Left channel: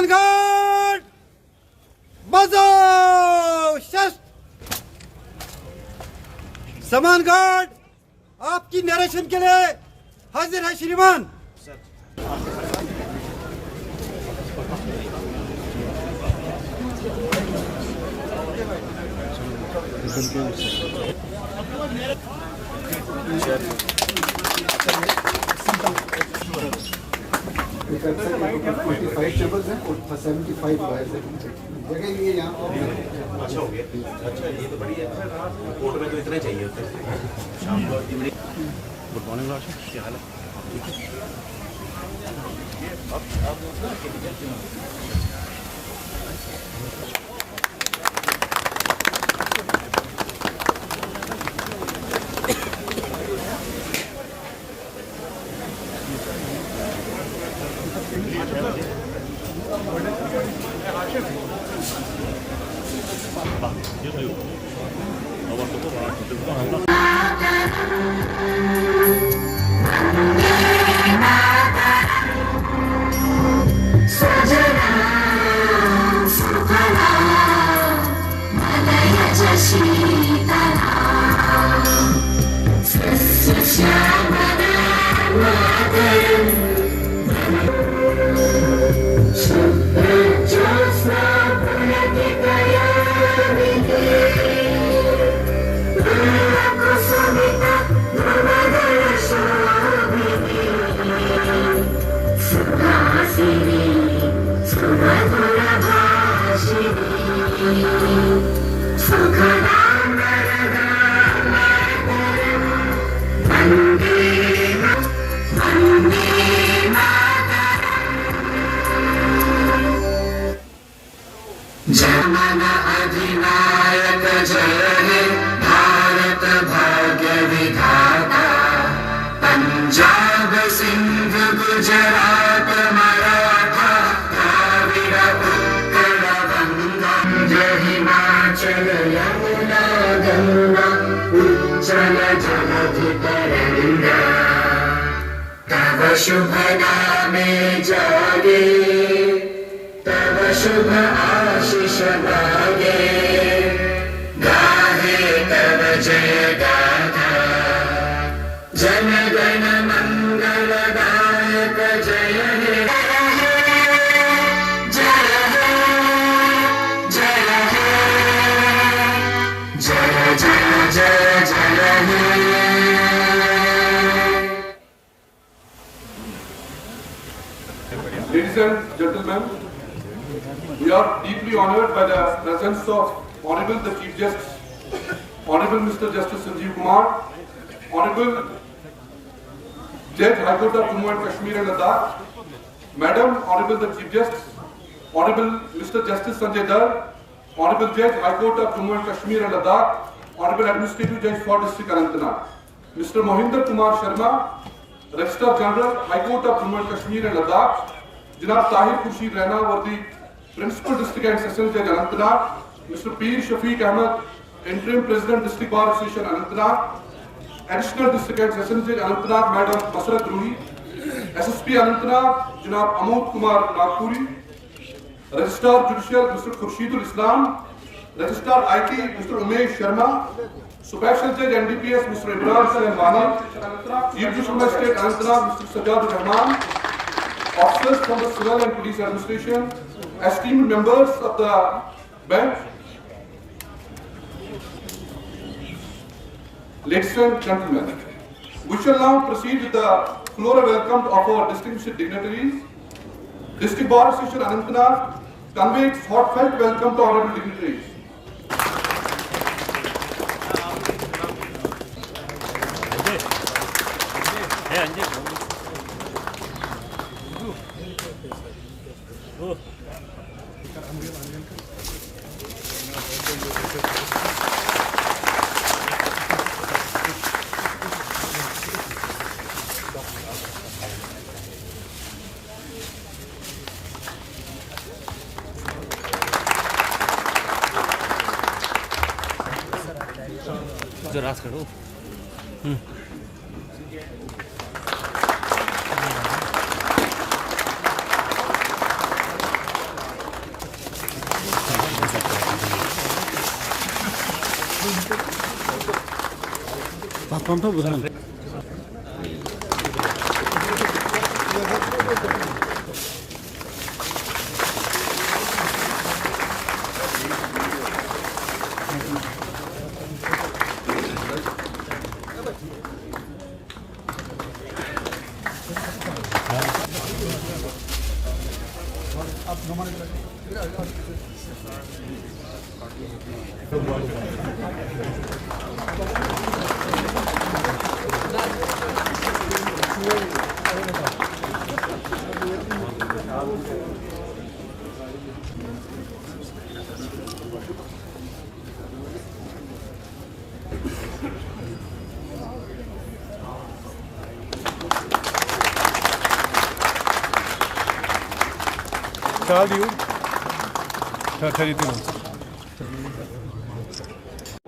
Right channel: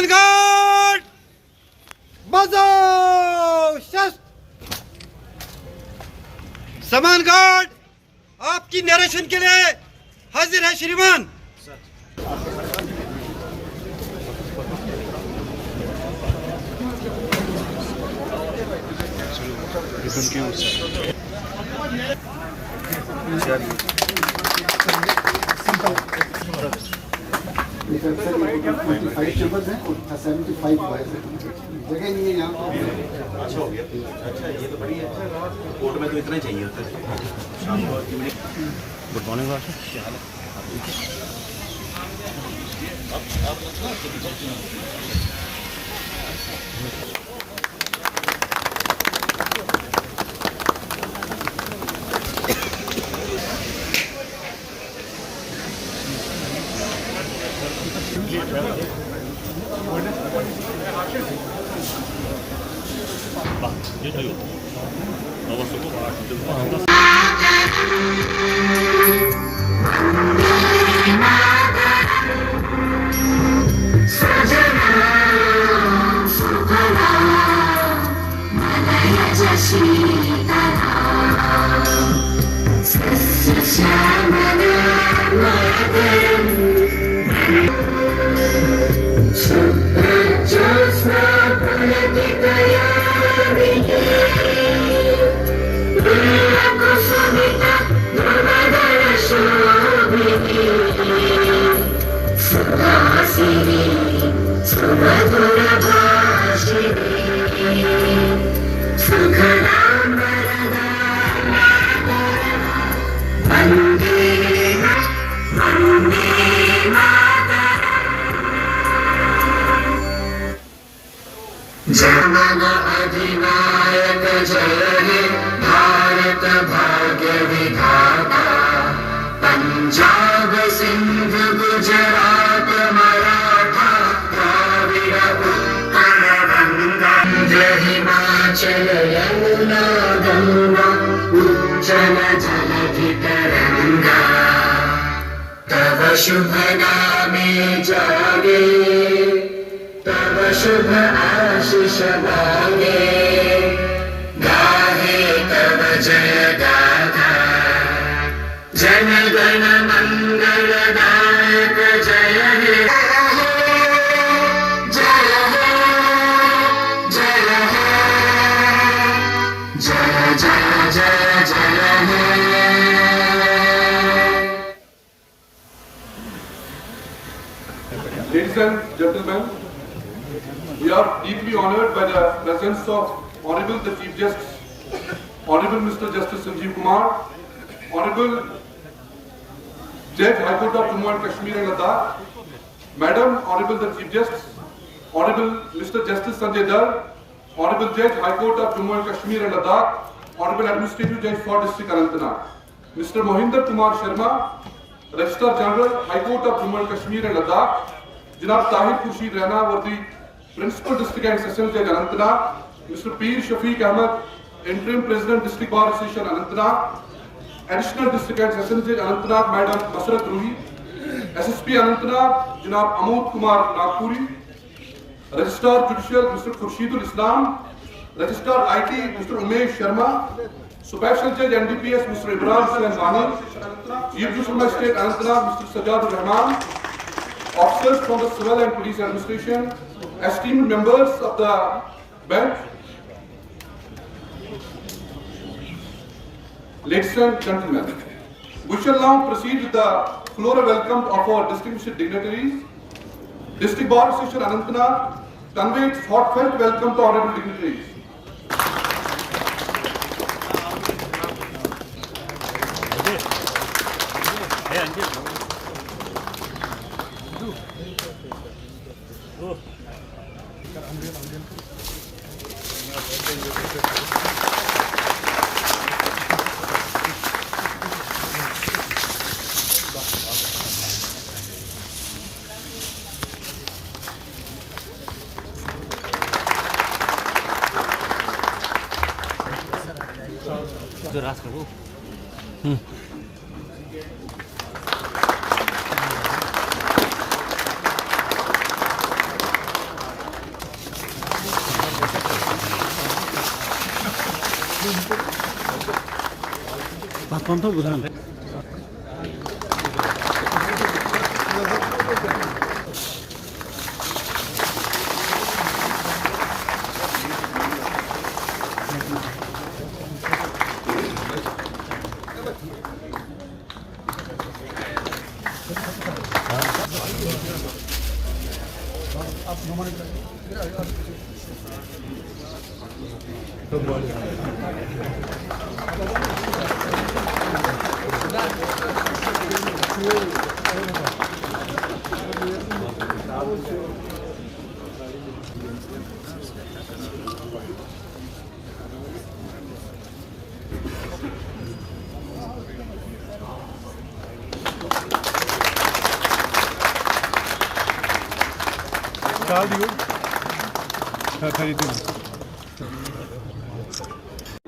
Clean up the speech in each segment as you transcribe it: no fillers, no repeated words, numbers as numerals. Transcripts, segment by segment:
समान घाट बजाओ शस्त्र। समान घाट आपकी नरेशन के लिए हाजिर है श्रीमान। फाइव टेबल्स हैं और 75 बॉयज हैं, जगह नहीं है यहाँ। अच्छा हो गया, अच्छा ये तो बढ़िया है। कोर्ट में तो इतना ही चाहिए होता है। शाम को गुड मॉर्निंग डॉक्टर, क्या हाल है? आप ठीक है? आप जन अधिनायक जय हे भारत भाग्य विधाता। पंजाब सिंध गुजरात मराठा द्राविड़ उत्कल बंगा हिमाचल यमुना गंगा उज्जल जलधि तरंगा। तव शुभ नामे जागे तव शुभ आशीष मांगे। गाहे तव जय गाथा जन गण मंगलदायक जय हे। जय हे जय हे जय जय जय जय हे। Ladies and gentlemen, we are deeply honored by the presence of Honorable the Chief Justice, Honorable Mr.Justice Sanjeev Kumar, Honorable Judge High Court of Jammu and Kashmir and Ladakh, Madam Honorable the Chief Justice, Honorable Mr.Justice Sanjay Dhar, Honorable Judge High Court of Jammu and Kashmir and Ladakh, Honorable Administrative Judge for District Anantnag, Mr. Mohinder Kumar Sharma, Registrar General High Court of Jammu and Kashmir and Ladakh, Janab Tahir Khurshid Raina, Worthy Principal District and Sessions Judge Anantnag, Mr. Peer Shafiq Ahmed, Interim President District Bar Association Anantnag, Additional District and Sessions Judge Anantnag Madam Masrat Ruhi, SSP Anantnag Janab Amod Kumar Nagpuri, Registrar Judicial Mr. Khurshidul Islam, Registrar IT Mr. Umesh Sharma, Special Judge NDPS Mr. Ibrahim Hussain Wani, Chief Judicial Magistrate Anantnag Mr. Sajjad Rahman, officers from the Civil and Police Administration, esteemed members of the bench, ladies and gentlemen, we shall now proceed with the floral welcome of our distinguished dignitaries. District Bar Association Anantnag conveys heartfelt welcome to honorable dignitaries. जो रास करो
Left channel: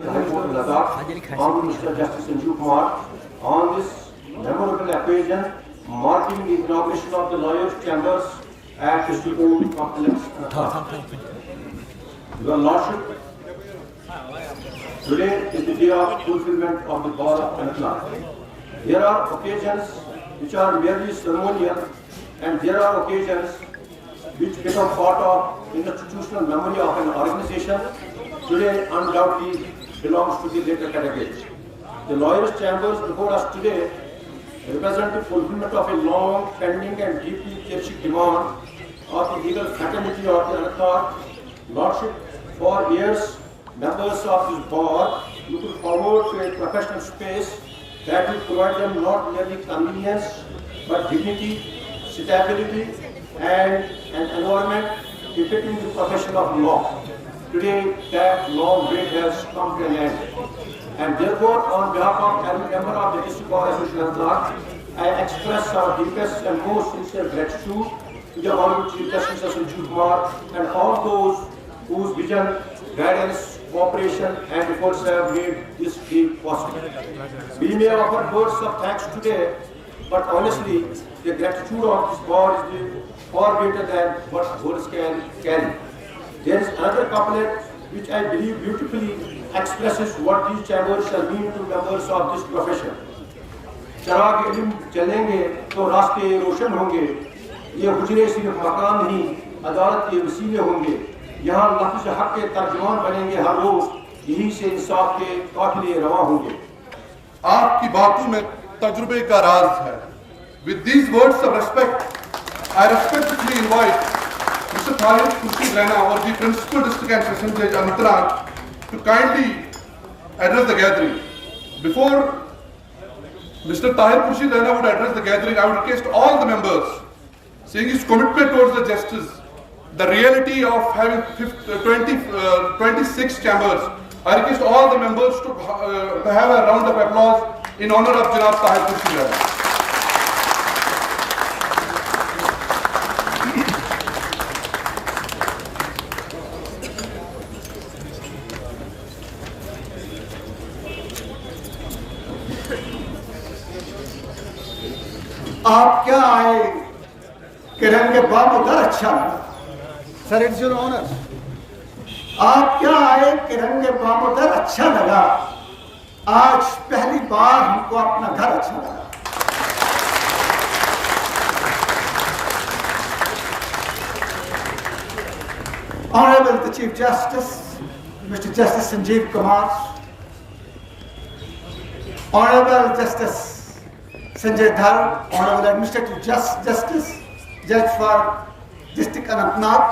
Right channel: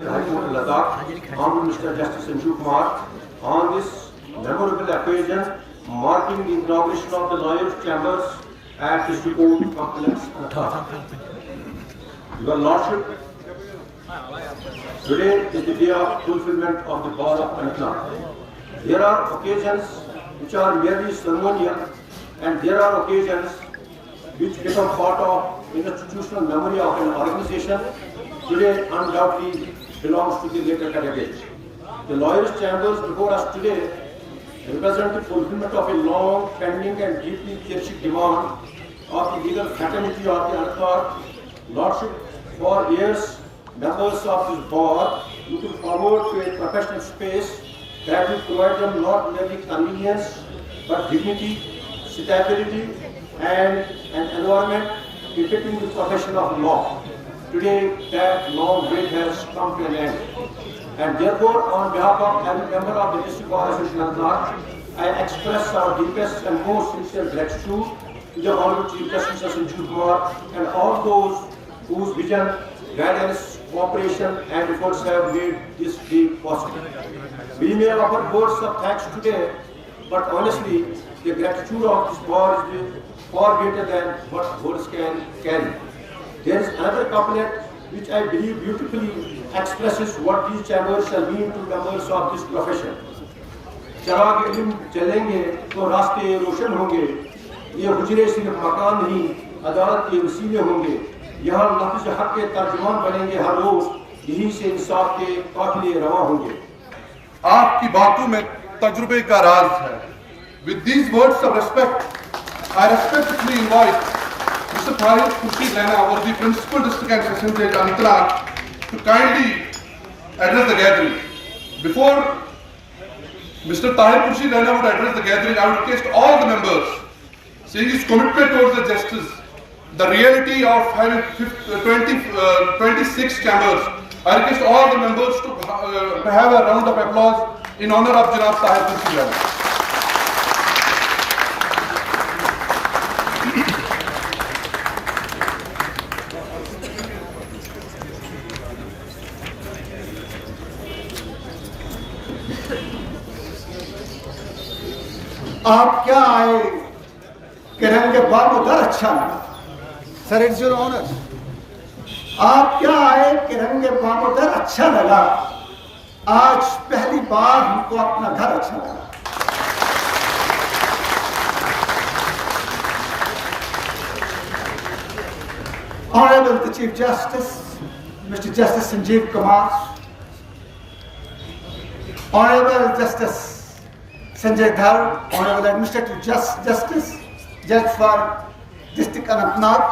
High Court of Ladakh, Hon'ble Mr.Justice Sanjeev Kumar, on this memorable occasion marking the inauguration of the lawyers' chambers at the Supreme Complex. Your Lordship, today is the day of fulfillment of the bar of Anantnag. There are occasions which are merely ceremonial, and there are occasions which become part of institutional memory of an organization. Today undoubtedly belongs to the later category. The lawyers' chambers before us today represent the fulfillment of a long pending and deeply cherished demand of the legal fraternity of the Anantnag. Lordship, for years, members of this bar looked forward to a professional space that will provide them not merely convenience but dignity, stability, and an environment befitting the profession of law. Today, that long wait has come to an end. And therefore, on behalf of every member of the District Bar Association of Ladakh, I express our deepest and most sincere gratitude to the Honorable Chief Justice Sanjeev Kumar and all those whose vision, guidance, cooperation, and efforts have made this day possible. We may offer words of thanks today, but honestly, the gratitude of this bar is far greater than what words can carry. There is another couplet which I believe beautifully expresses what these chambers shall mean to members of this profession. चराग इल्म चलेंगे तो रास्ते रोशन होंगे, ये हुजरे सिर्फ मकान नहीं अदालत के वसीले होंगे, यहाँ लफ्ज़ हक के तर्जुमान बनेंगे हर रोज, यही से इंसाफ के काफिले रवां होंगे. आपकी बातों में तजुर्बे का राज है. With these words of respect, I respectfully invite Mr. Tahir Khurshid Raina, or the Principal District and Session Judge Anantnag, to kindly address the gathering. Before Mr. Tahir Khurshid Raina would address the gathering, I would request all the members, saying his commitment towards the justice, the reality of having 26 chambers, I request all the members to have a round of applause in honor of Janab Tahir Khurshid Raina. आप क्या आए कि रंग बामुदर अच्छा लगा. Sir, it's your honour. आप क्या आए कि रंग बामुदर अच्छा लगा. आज पहली बार हमको अपना घर अच्छा लगा. Honorable the Chief Justice, Mr. Justice Sanjeev Kumar, Honorable Justice Sanjay Dhar, Honorable Administrative Justice, Judge for District Anantnag,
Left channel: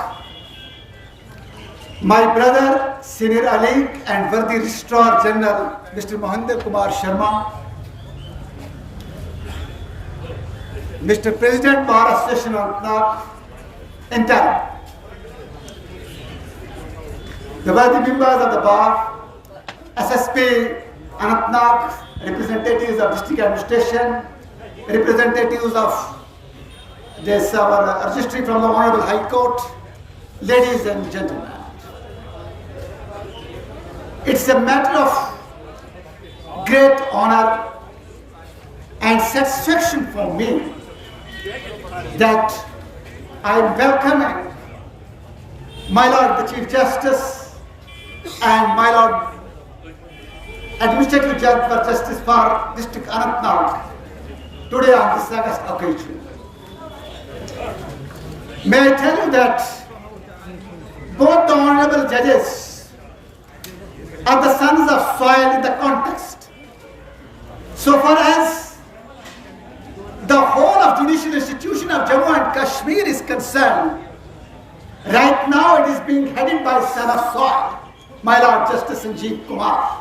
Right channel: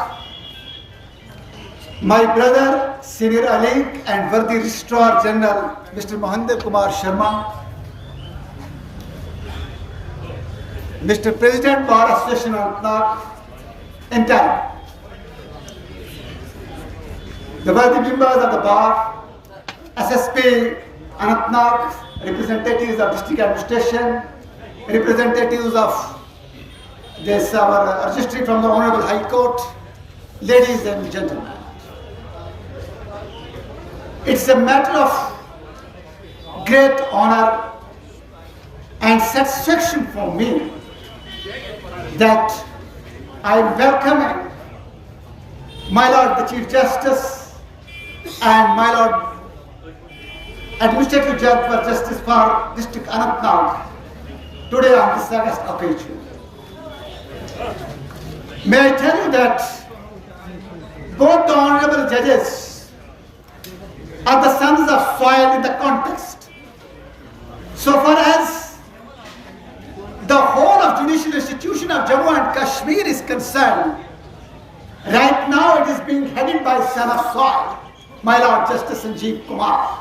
my brother, Senior Alik and worthy Registrar General, Mr. Hon'ble Kumar Sharma, Mr. President Bar Association Anantnag, entire, the worthy members of the Bar, SSP Anantnag, representatives of District Administration, representatives of this our registry from the Honorable High Court, ladies and gentlemen. It's a matter of great honor and satisfaction for me that I'm welcoming my Lord the Chief Justice and my Lord administrative judge for justice for district Anantnag today on this august occasion. May I tell you that both the honorable judges are the sons of soil in the context. So far as the whole of judicial institution of Jammu and Kashmir is concerned, right now it is being headed by son of soil, my Lord Justice Sanjeev Kumar.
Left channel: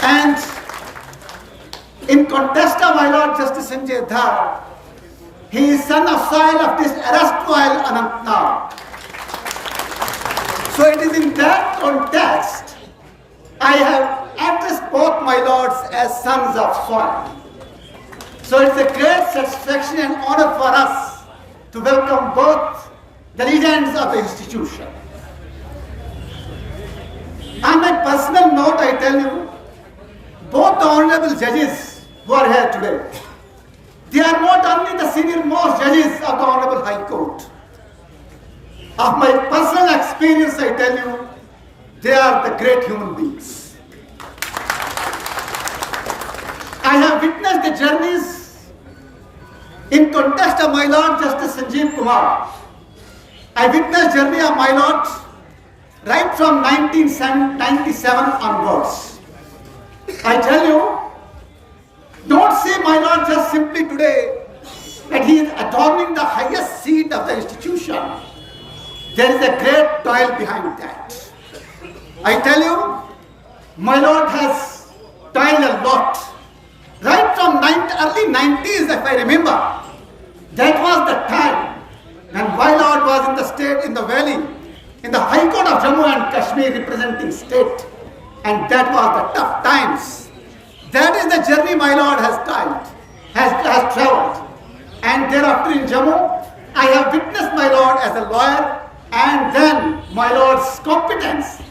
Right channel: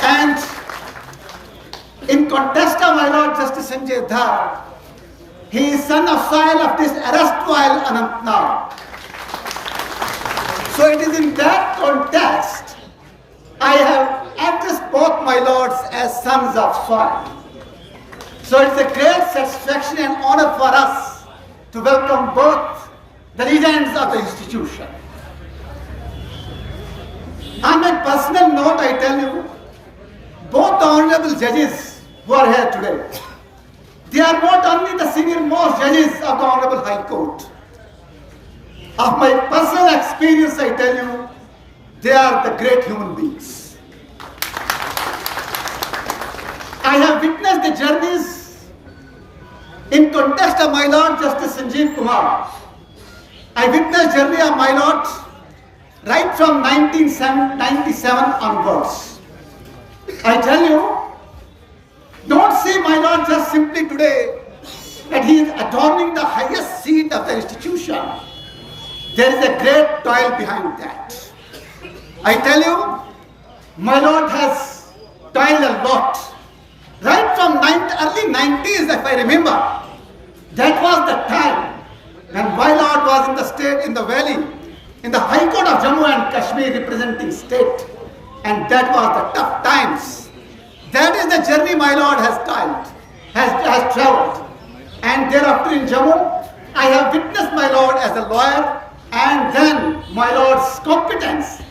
And in contest of my Lord Justice Sanjay Dhar, he is son of soil of this erstwhile Anantnag. So it is in that context I have addressed both my lords as sons of soil. So it's a great satisfaction and honor for us to welcome both the legends of the institution. On my personal note, I tell you, both the honorable judges who are here today, they are not only the senior most judges of the Honorable High Court. Of my personal experience, I tell you, they are the great human beings. I have witnessed the journeys in context of my Lord Justice Sanjeev Kumar. I witnessed journey of my Lord right from 1997 onwards. I tell you, don't see my Lord just simply today that he is adorning the highest seat of the institution. There is a great toil behind that. I tell you, my Lord has toiled a lot. Right from early 90s, if I remember, that was the time when my Lord was in the state, in the valley, in the High Court of Jammu and Kashmir representing state. And that was the tough times. That is the journey my Lord has has traveled. And thereafter in Jammu, I have witnessed my Lord as a lawyer and then my Lord's competence.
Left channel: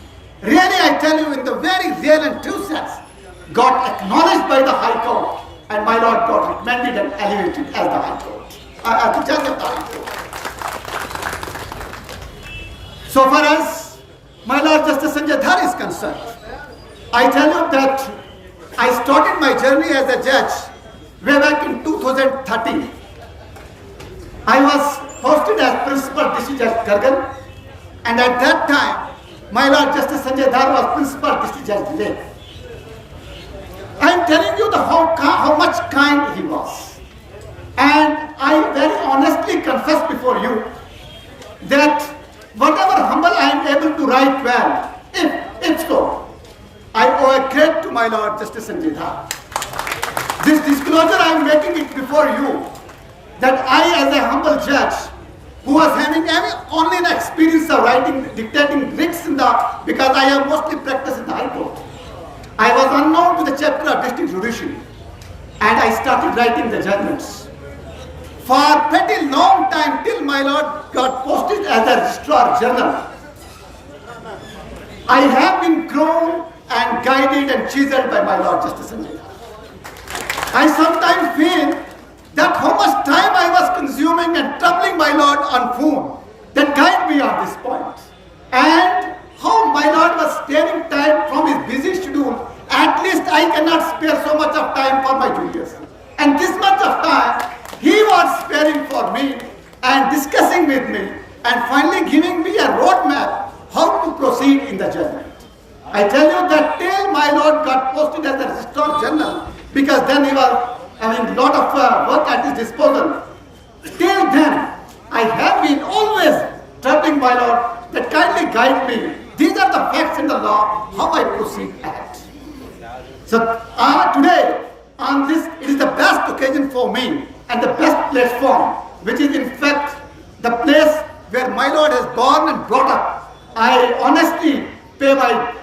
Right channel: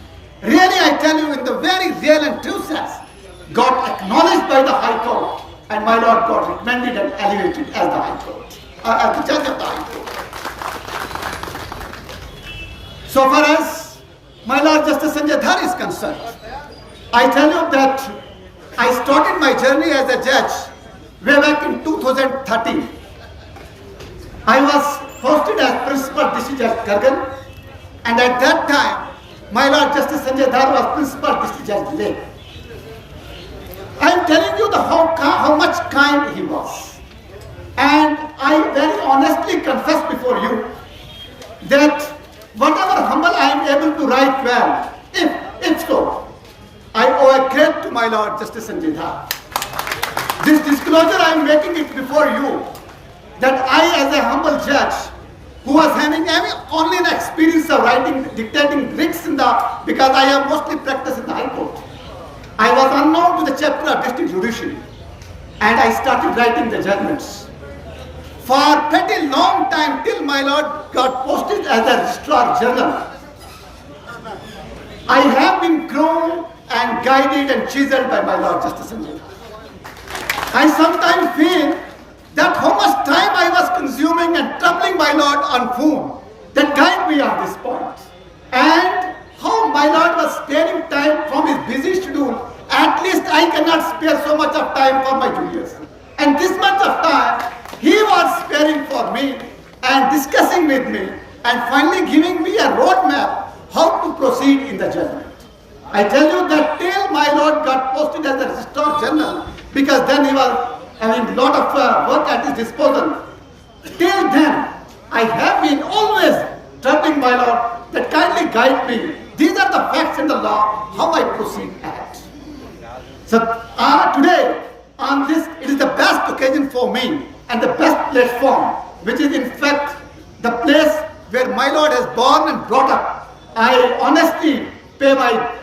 Really, I tell you, in the very real and true sense, got acknowledged by the High Court and my Lord got recommended and elevated as the High Court, as the judge of the High Court. So far as my Lord Justice Sanjay Dhar is concerned, I tell you that I started my journey as a judge way back in 2013. I was posted as Principal District Judge Gargan, and at that time, my Lord Justice Sanjay Dhar was Principal District Judge Leh. I am telling you how much kind he was. And I very honestly confess before you that whatever humble I am able to write well, if so, I owe a credit to my Lord Justice Sanjay Dhar. This disclosure I am making it before you, that I as a humble judge who was having only the experience of dictating writs because I have mostly practiced in the High Court. I was unknown to the chapter of district judiciary and I started writing the judgments. For a pretty long time till my Lord got posted as the Registrar General, I have been grown and guided and chiseled by my Lord Justice Sanjay Dhar. I sometimes feel that how much time I was consuming and troubling my Lord on phone that guide me on this point. And how my Lord was sparing time from his busy schedule. At least I cannot spare so much of time for my juniors. And this much of time he was sparing for me and discussing with me and finally giving me a roadmap how to proceed in the judgment. I tell you that till my Lord got posted as the Registrar General, because then he was having a lot of work at his disposal. Till then, I have been always troubling my Lord that kindly guide me. These are the facts in the law, how I proceed ahead. So today, on this, it is the best occasion for me and the best platform, which is in fact the place where my Lord has born and brought up. I honestly pay my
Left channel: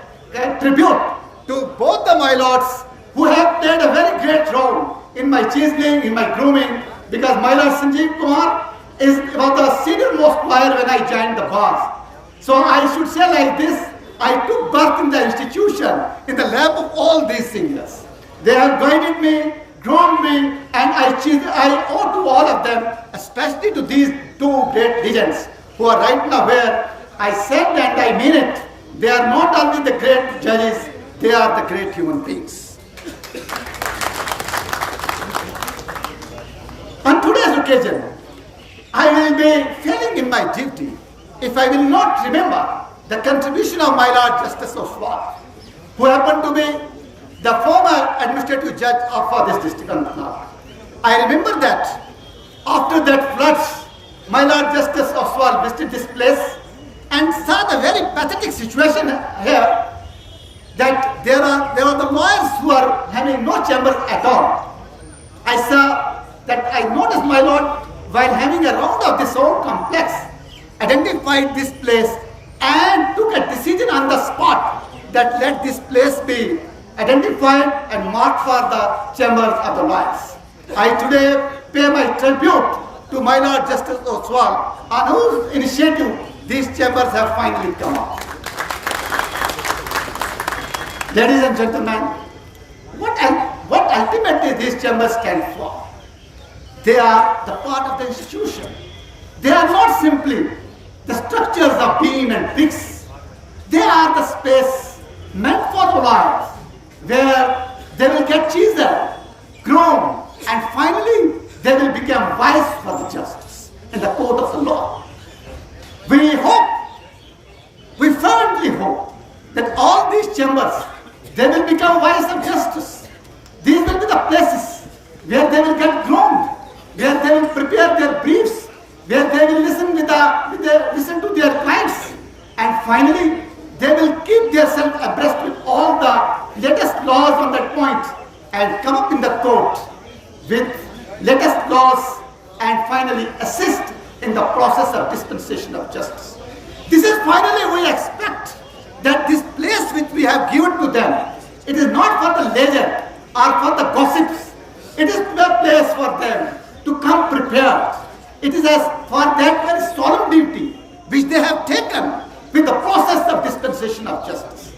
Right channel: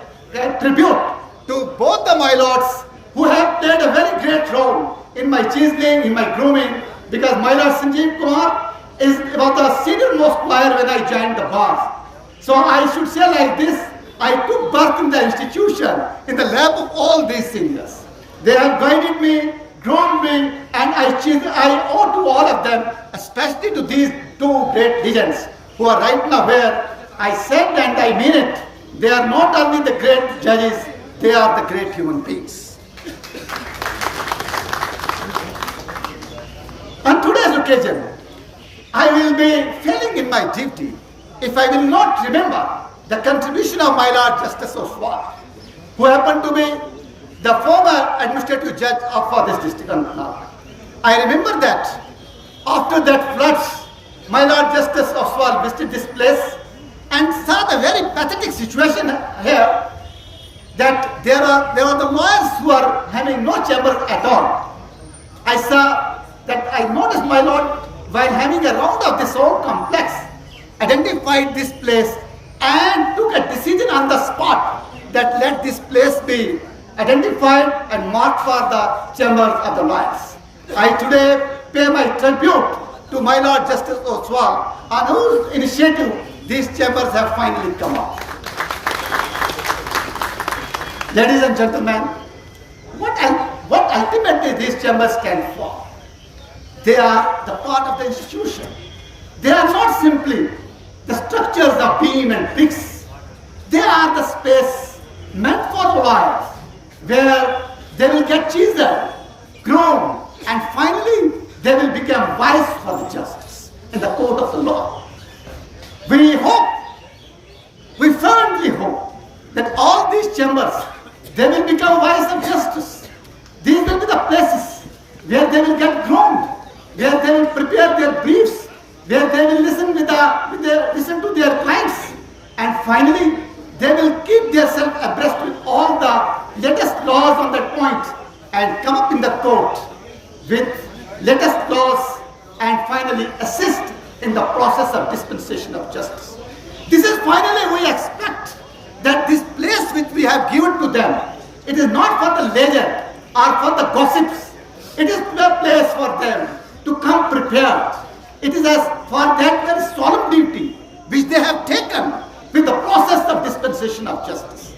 tribute to both the my lords who have played a very great role in my chiseling, in my grooming, because my Lord Sanjeev Kumar was the senior most lawyer when I joined the bar. So I should say like this, I took birth in the institution, in the lap of all these seniors. They have guided me, groomed me, and I owe to all of them, especially to these two great legends who are right now where I said and I mean it, They are not only the great judges, they are the great human beings. On today's occasion, I will be failing in my duty if I will not remember the contribution of my Lord Justice Oswald, who happened to be the former administrative judge for this district. I remember that after that floods, my Lord Justice Oswald visited this place and saw the very pathetic situation here, that there are the lawyers who are having no chambers at all. I saw that, I noticed my Lord, while having a round of this whole complex, identified this place and took a decision on the spot that let this place be identified and marked for the chambers of the lawyers. I today pay my tribute to my Lord Justice Oswald, on whose initiative these chambers have finally come up. Ladies and gentlemen, what ultimately these chambers stand for? They are the part of the institution. They are not simply the structures of beam and bricks. They are the space meant for the lawyers, where they will get chiseled, groomed, and finally they will become wise for the justice in the court of the law. We firmly hope that all these chambers, they will become wise of justice. These will be the places where they will get groomed, where they will prepare their briefs, where they will listen listen to their clients, and finally they will keep themselves abreast with all the latest laws on that point and come up in the court with latest laws and finally assist in the process of dispensation of justice. This is finally, we expect that this place which we have given to them, it is not for the leisure or for the gossips. It is a place for them to come prepared. It is as for that very solemn duty which they have taken with the process of dispensation of justice.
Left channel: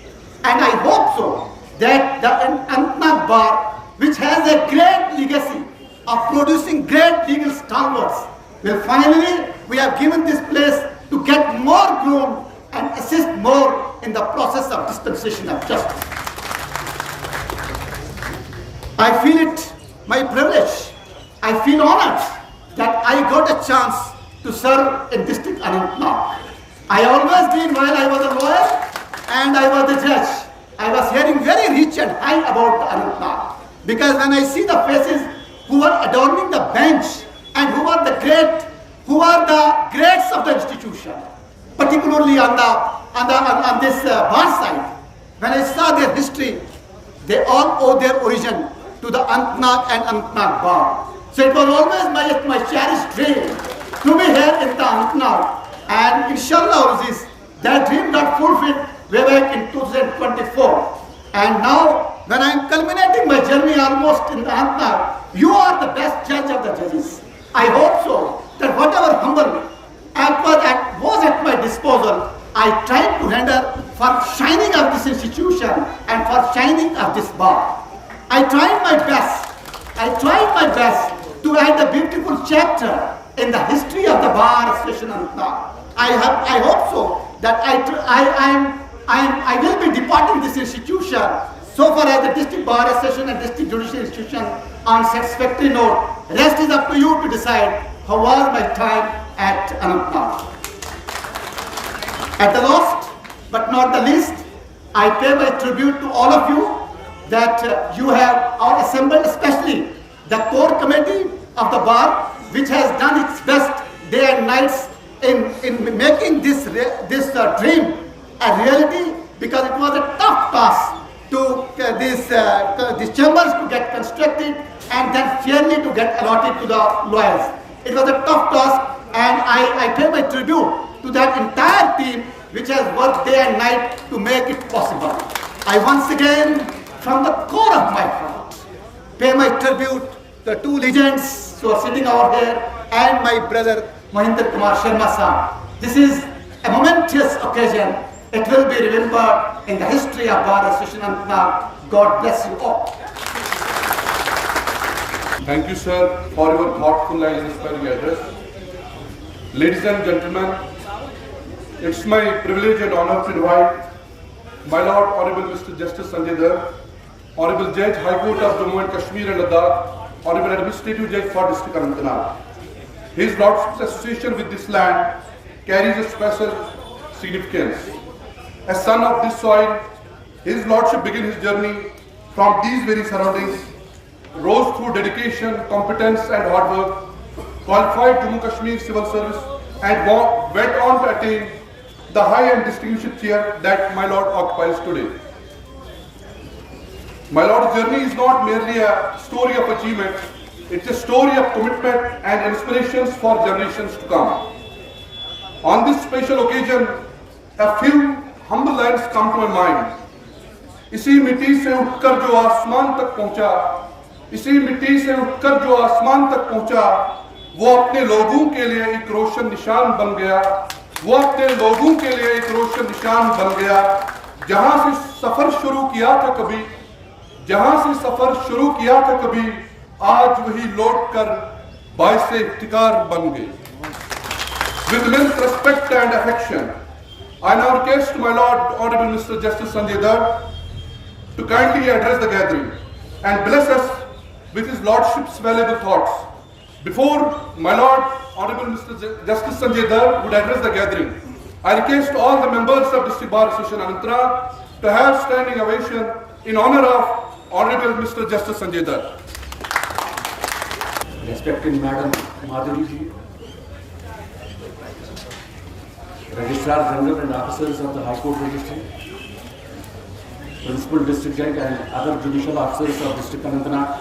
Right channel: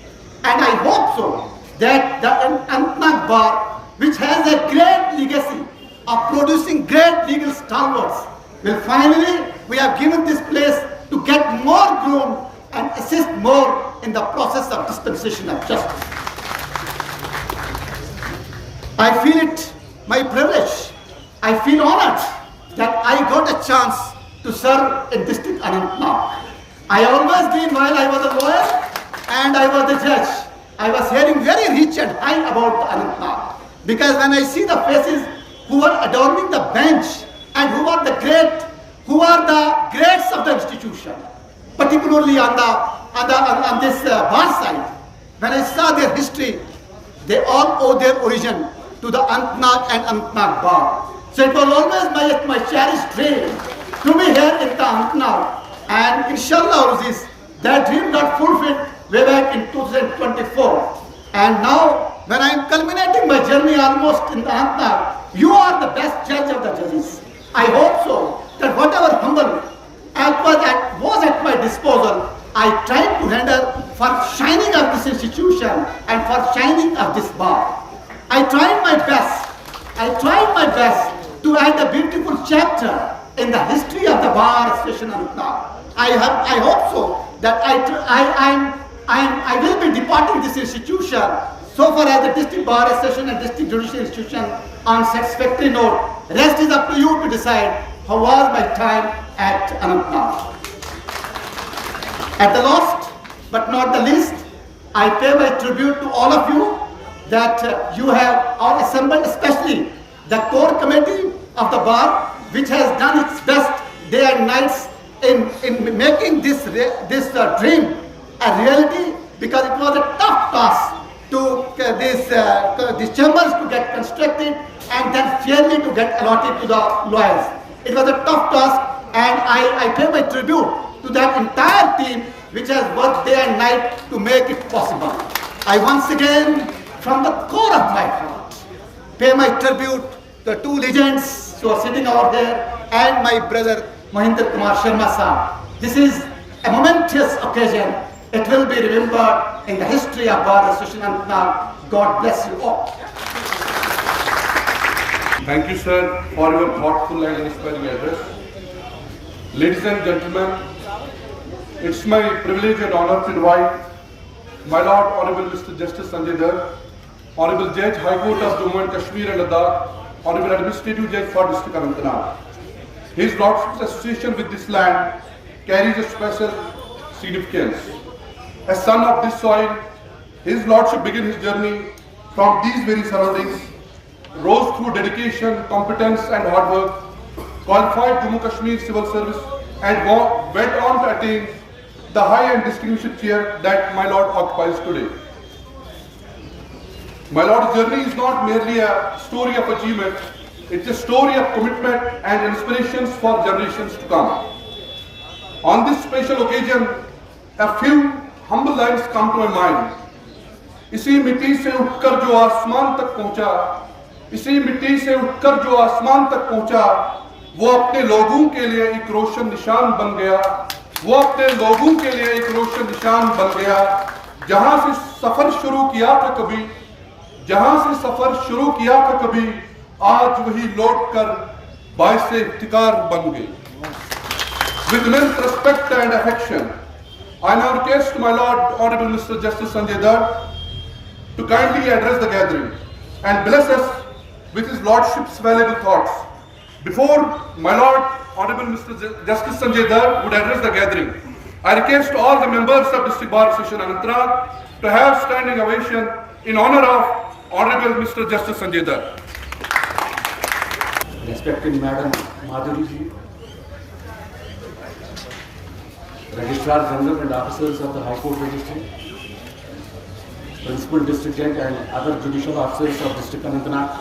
And I hope so that the Anantnag Bar, which has a great legacy of producing great legal stalwarts, will finally, we have given this place to get more groomed and assist more in the process of dispensation of justice. I feel it my privilege. I feel honored that I got a chance to serve in District Anantnag. I always been, while I was a lawyer and I was the judge, I was hearing very rich and high about Anantnag. Because when I see the faces who are adorning the bench and who are the greats of the institution, particularly on this bar side, when I saw their history, they all owe their origin to the Anantnag and Anantnag Bar. So it was always my cherished dream to be here in the Anantnag, and inshallah that dream got fulfilled way back in 2024. And now, when I am culminating my journey almost in the Anantnag, you are the best judge of the judges. I hope so that whatever humble act was at my disposal, I tried to render for shining of this institution and for shining of this bar. I tried my best to add a beautiful chapter in the history of the Bar Association Anantnag. I hope so that I will be departing this institution so far as the District Bar Association and District Judicial Institution on satisfactory note. Rest is up to you to decide how was my time at Anantnag. At the last but not the least, I pay my tribute to all of you that you have all assembled, especially the core committee of the bar, which has done its best day and nights in making this dream a reality, because it was a tough task to these chambers to get constructed and then fairly to get allotted to the lawyers. It was a tough task, and I pay my tribute to that entire team which has worked day and night to make it possible. I once again, from the core of my heart, pay my tribute to the two legends who are sitting over there and my brother Mahinder Kumar Sharma sir. This is a momentous occasion. It will be remembered in the history of Bar Association Anantnag. God bless you all. Thank you, sir, for your thoughtful and inspiring address. Ladies and gentlemen, it's my privilege and honor to invite my Lord Honorable Mr. Justice Sanjay Dhar, Honorable Judge, High Court of Jammu and Kashmir and Ladakh, Honorable Administrative Judge for District Anantnag. His Lordship's association with this land carries a special significance. As son of this soil, His Lordship began his journey from these very surroundings, rose through dedication, competence and hard work, qualified Jammu Kashmir Civil Service and went on to attain the high and distinguished chair that my Lord occupies today. My Lord's journey is not merely a story of achievement, it's a story of commitment and inspirations for generations to come. On this special occasion, a few humble lines come to my mind. इसी मिट्टी से उठकर जो आसमान तक पहुंचा, इसी मिट्टी से उठकर जो आसमान तक पहुंचा, वो अपने लोगों के लिए एक रोशन निशान बन गया, वो अपने लोगों के लिए एक रोशन निशान बन गया। जहां से सफर शुरू किया था कभी, जहां से सफर शुरू किया था कभी, आज वही लौट कर बाइस इफ्तिकार बन गए। With immense respect and affection, I now request my Lord Honorable Mr. Justice Sanjay Dhar to kindly address the gathering and bless us with his Lordship's valuable thoughts. Before my Lord Honorable Mr. Justice Sanjay Dhar would address the gathering, I request all the members of District Bar Association Anantnag to have standing ovation in honor of Honorable Mr. Justice Sanjay Dhar. Respected Madam Madhuri ji, Registrar General and officers of the High Court Registry, Principal District Judge and other judicial officers of District Anantnag,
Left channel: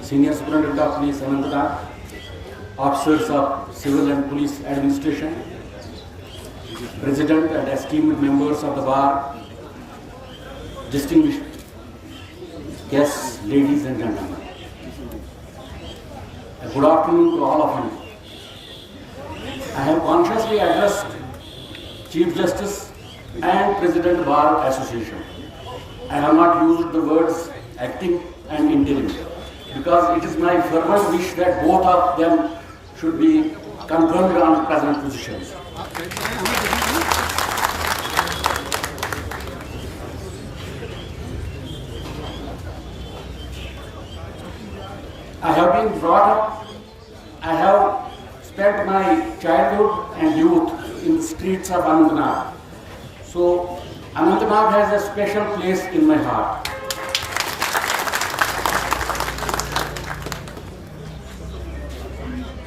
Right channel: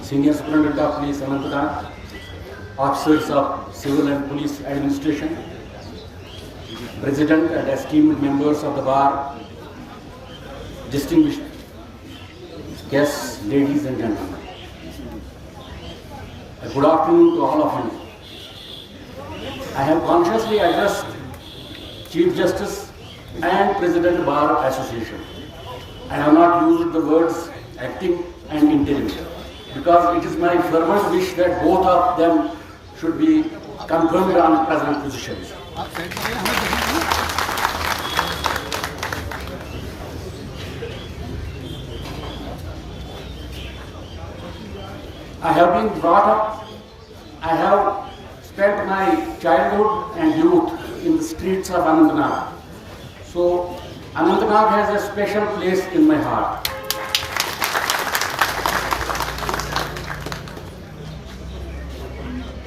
Senior Superintendent of Police Anantnag, officers of Civil and Police Administration, President and esteemed members of the Bar, distinguished guests, ladies and gentlemen. A good afternoon to all of you. I have consciously addressed Chief Justice and President Bar Association. I have not used the words acting and interim because it is my fervent wish that both of them should be confirmed on present positions. I have been brought up, I have spent my childhood and youth in the streets of Anantnag. So Anantnag has a special place in my heart.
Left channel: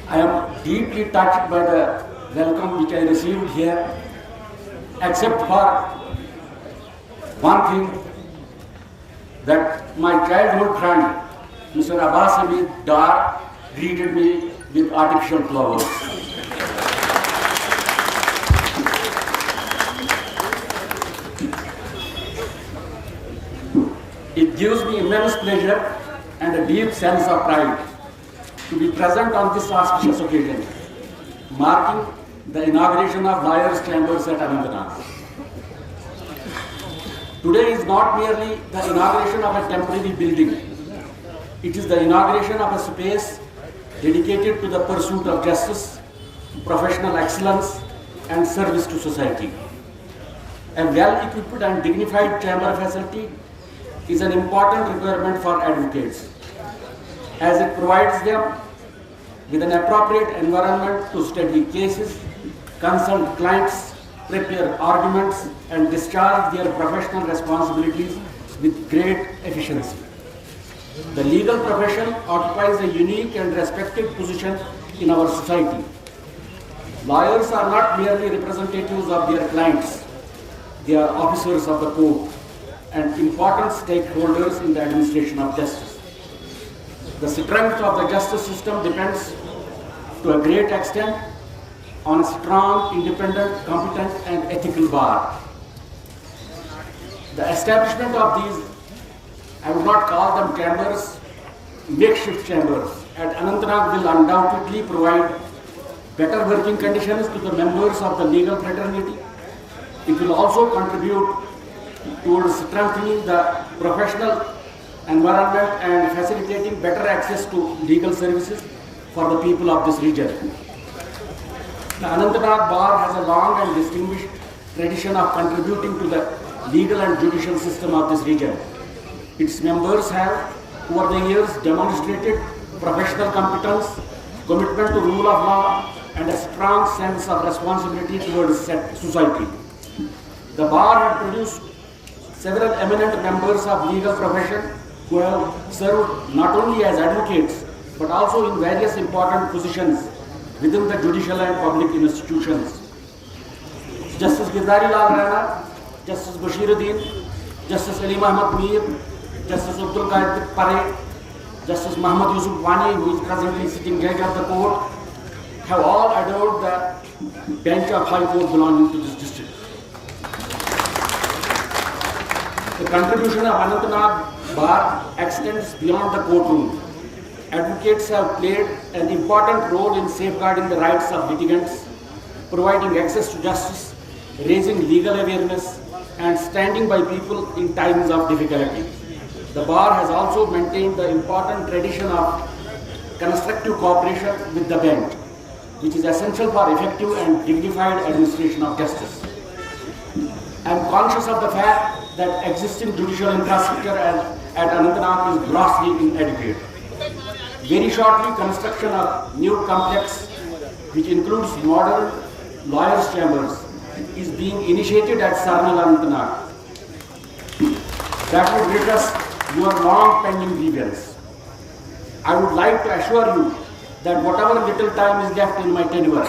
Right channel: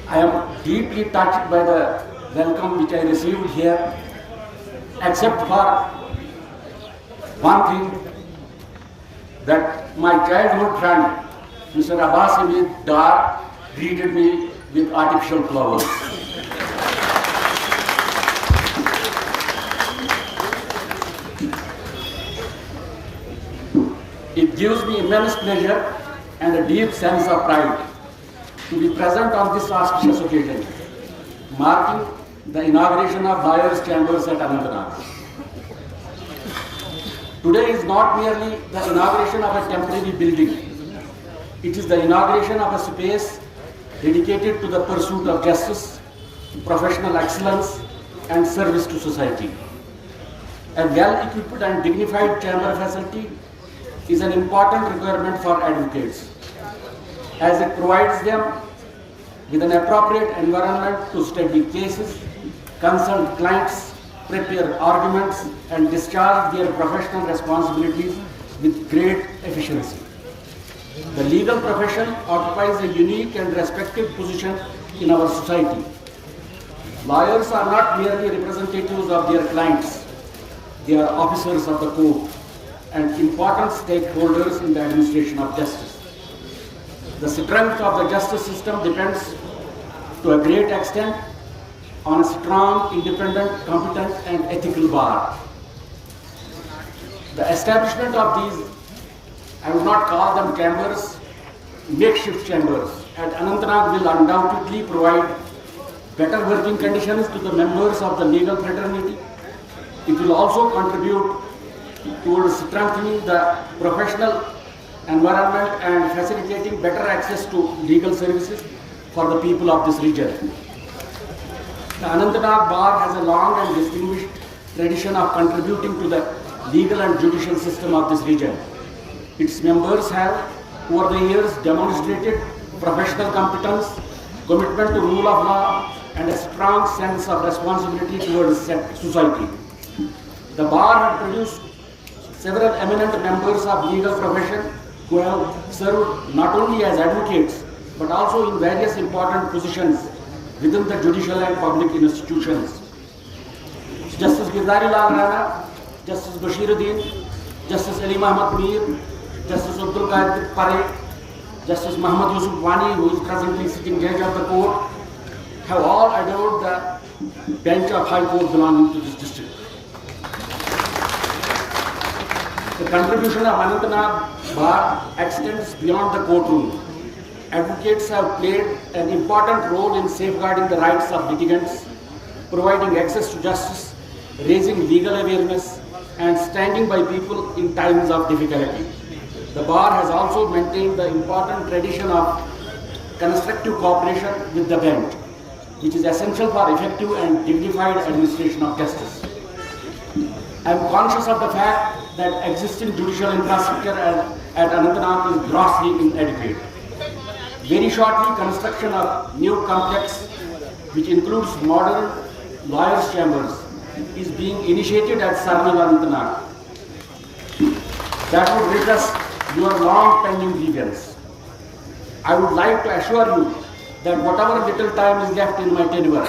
I am deeply touched by the welcome which I received here, except for one thing, that my childhood friend, Mr. Sanjay Dhar, greeted me with artificial flowers. It gives me immense pleasure and a deep sense of pride to be present on this auspicious occasion, marking the inauguration of Lawyers' Chambers at Anantnag. Today is not merely the inauguration of a temporary building, it is the inauguration of a space dedicated to the pursuit of justice, professional excellence, and service to society. A well-equipped and dignified chamber facility is an important requirement for advocates, as it provides them with an appropriate environment to study cases, consult clients, prepare arguments, and discharge their professional responsibilities with great efficiency. The legal profession occupies a unique and respected position in our society. Lawyers are not merely representatives of their clients, they are officers of the court and important stakeholders in the administration of justice. The strength of the justice system depends to a great extent on a strong, independent, competent and ethical bar. The establishment of these, I would not call them chambers, makeshift chambers, at Anantnag will undoubtedly provide better working conditions to the members of the legal fraternity. It will also contribute towards strengthening the professional environment and facilitating better access to legal services for the people of this region. The Anantnag Bar has a long and distinguished tradition of contributing to the legal and judicial system of this region. Its members have, over the years, demonstrated professional competence, commitment to rule of law, and a strong sense of responsibility towards society. The bar had produced several eminent members of legal profession who have served not only as advocates but also in various important positions within the judicial and public institutions. Justice Girdari Lal Rana, Justice Bashiruddin, Justice Ali Muhammad Mir, Justice Abdul Qadir Pare, Justice Muhammad Yusuf Wani, who is presently sitting judge of the court, have all adored the bench of High Court belonging to this district. The contribution of Anantnag Bar extends beyond the courtroom. Advocates have played an important role in safeguarding the rights of litigants, providing access to justice, raising legal awareness, and standing by people in times of difficulty. The bar has also maintained the important tradition of constructive cooperation with the bench, which is essential for effective and dignified administration of justice. I am conscious of the fact that existing judicial infrastructure at Anantnag is grossly inadequate. Very shortly, construction of new complex, which includes modern lawyers' chambers, is being initiated at Sarnal, Anantnag. That would redress your long pending grievance. I would like to assure you that whatever little time is left in my tenure,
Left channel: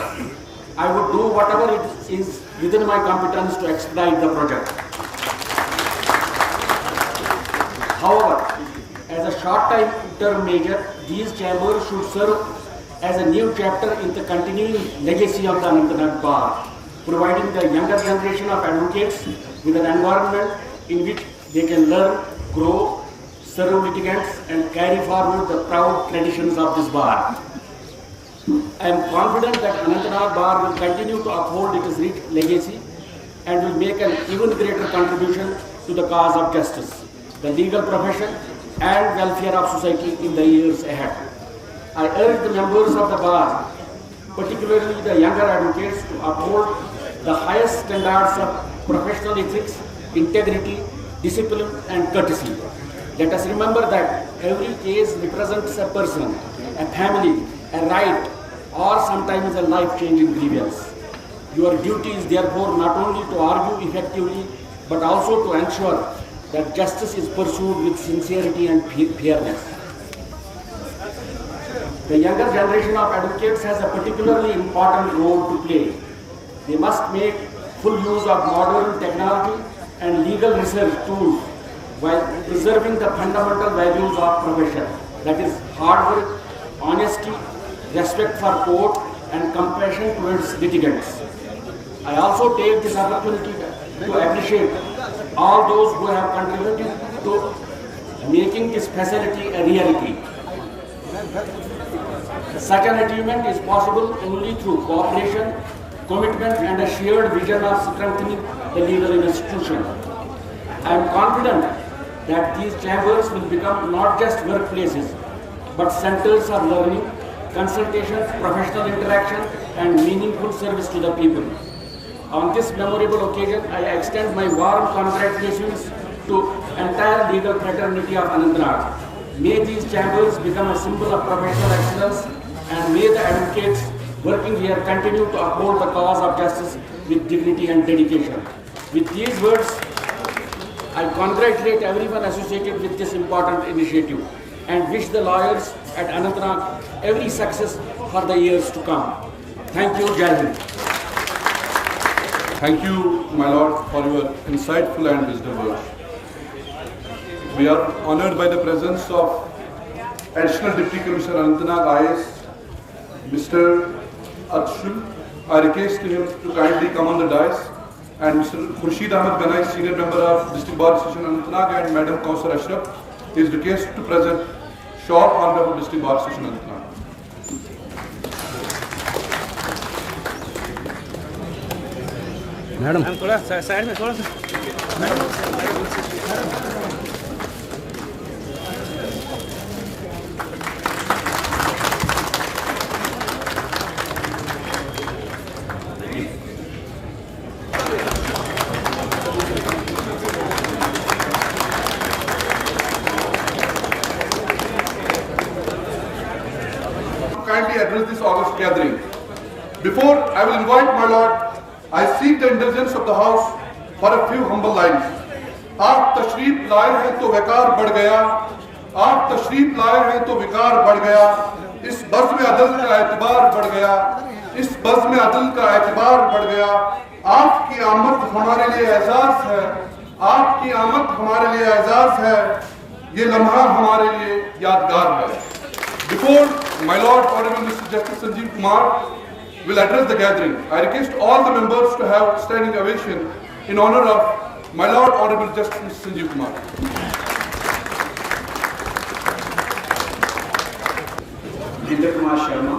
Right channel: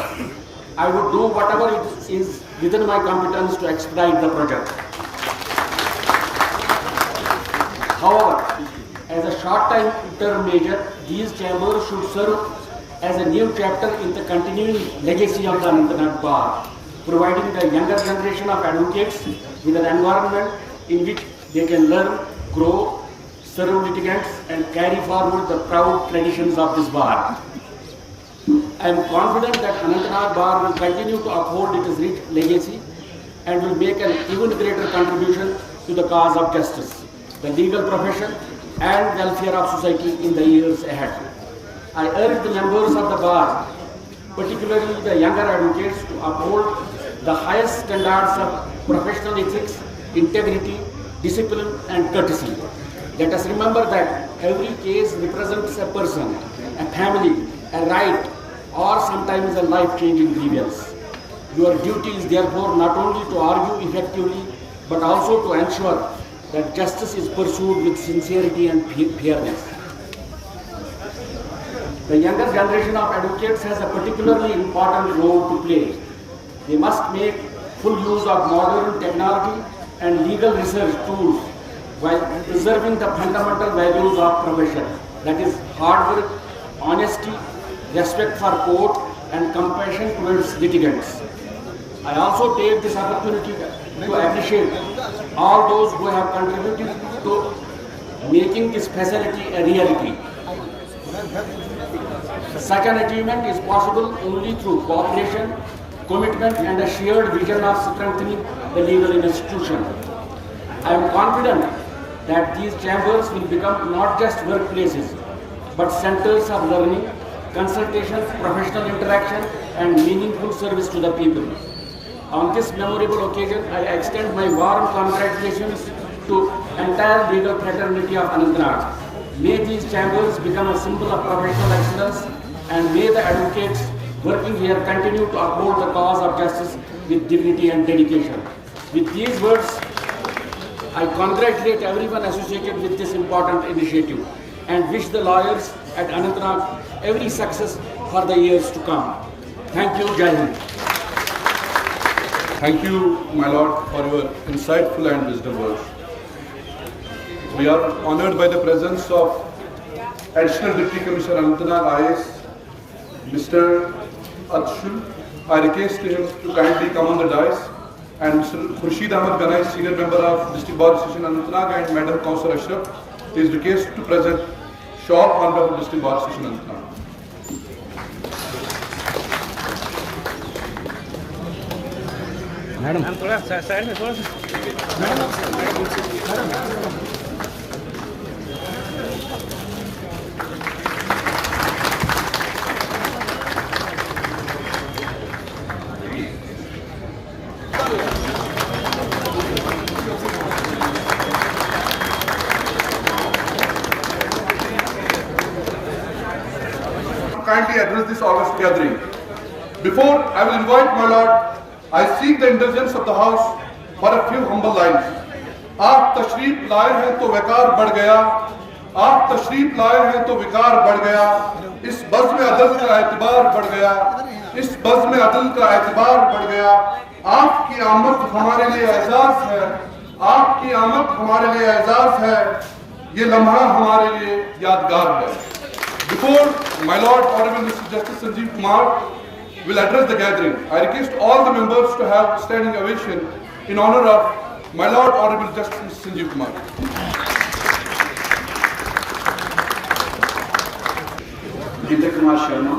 I would do whatever it is within my competence to expedite the project. However, as a short-term measure, these chambers should serve as a new chapter in the continuing legacy of the Anantnag Bar, providing the younger generation of advocates with an environment in which they can learn, grow, serve litigants, and carry forward the proud traditions of this bar. I am confident that Anantnag Bar will continue to uphold its rich legacy and will make an even greater contribution to the cause of justice, the legal profession, and welfare of society in the years ahead. I urge the members of the bar, particularly the younger advocates, to uphold the highest standards of professional ethics, integrity, discipline, and courtesy. Let us remember that every case represents a person, a family, a right, or sometimes a life-changing grievance. Your duty is therefore not only to argue effectively, but also to ensure that justice is pursued with sincerity and fairness. The younger generation of advocates has a particularly important role to play. They must make full use of modern technology and legal research tools while preserving the fundamental values of profession, that is hard work, honesty, respect for court, and compassion towards litigants. I also take this opportunity to appreciate all those who have contributed to making this facility a reality. Such an achievement is possible only through cooperation, commitment, and a shared vision of strengthening the legal institution. I am confident that these chambers will become not just workplaces, but centers of learning, consultation, professional interaction, and meaningful service to the people. On this memorable occasion, I extend my warm congratulations to entire legal fraternity of Anantnag. May these chambers become a symbol of professional excellence, and may the advocates working here continue to uphold the cause of justice with dignity and dedication. With these words, I congratulate everyone associated with this important initiative and wish the lawyers at Anantnag every success for the years to come. Thank you, Jai Hind. Thank you, my lord, for your insightful and wisdom words. We are honored by the presence of Additional Deputy Commissioner Anantnag IAS, Mr. Adshul. I request him to kindly come on the dais, and Mr. Khurshid Ahmed Ganai, Senior Member of District Bar Association Anantnag, and Madam Kausar Ashraf is requested to present shawl on behalf of District Bar Association Anantnag. Madam थोड़ा side में थोड़ा सा kindly address this august gathering. Before I will invite my lord, I seek the indulgence of the house for a few humble lines. आप तशरीफ लाए हैं तो विकार बढ़ गया, आप तशरीफ लाए हैं तो विकार बढ़ गया, इस बज़्म में अदल का एतबार बढ़ गया, इस बज़्म में अदल का एतबार बढ़ गया। आपकी आमद हमारे लिए एजाज है, आपकी आमद हमारे लिए एजाज है, ये लम्हा हमारे लिए यादगार है। Before my Lord Honorable Mr. Justice Sanjeev Kumar will address the gathering, I request all the members to have standing ovation in honor of my Lord Honorable Justice Mr. Sanjeev Kumar. Kumar Sharma,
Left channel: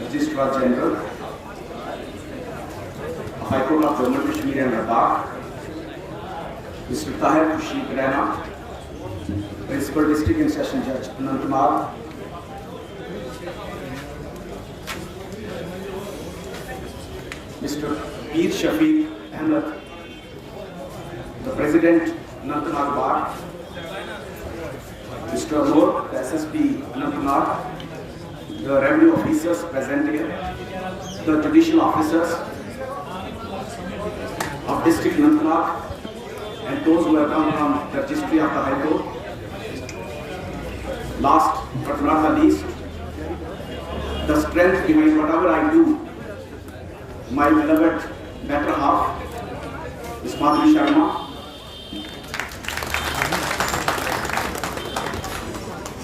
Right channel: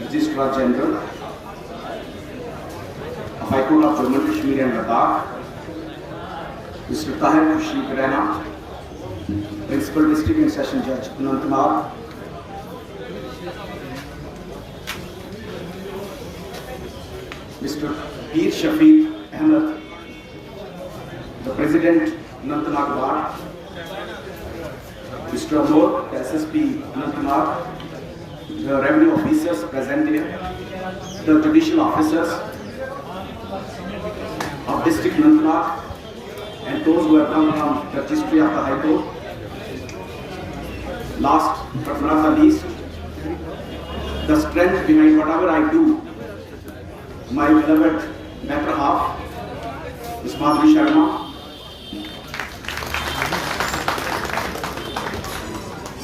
Registrar General, High Court of Jammu and Kashmir and Ladakh, Mr. Tahir Khurshid Raina, Principal District and Session Judge Anantnag, Mr. Peer Shafiq Ahmed, the President Anantnag Bar, Mr. Amor, the SSP Anantnag, the revenue officers present here, the judicial officers of District Anantnag, and those who have come from the registry of the High Court. Last but not the least, the strength behind whatever I do, my beloved better half, Ms. Madhuri Sharma,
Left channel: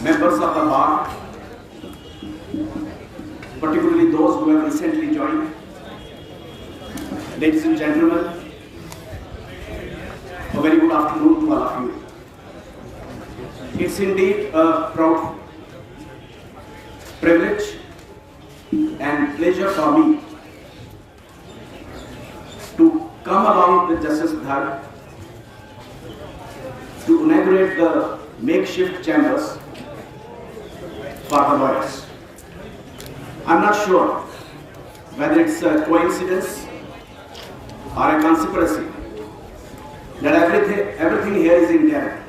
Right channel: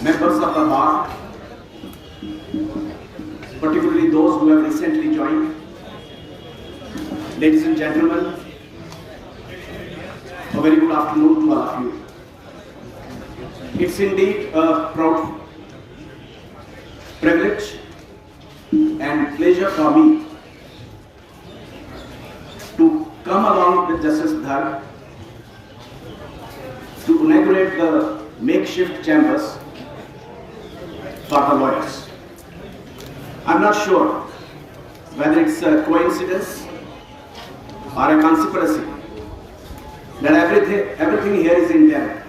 members of the bar, particularly those who have recently joined, ladies and gentlemen, a very good afternoon to all of you. It's indeed a proud privilege and pleasure for me to come along with Justice Dhar to inaugurate the makeshift chambers for the lawyers. I'm not sure whether it's a coincidence or a conspiracy that everything here is in interim.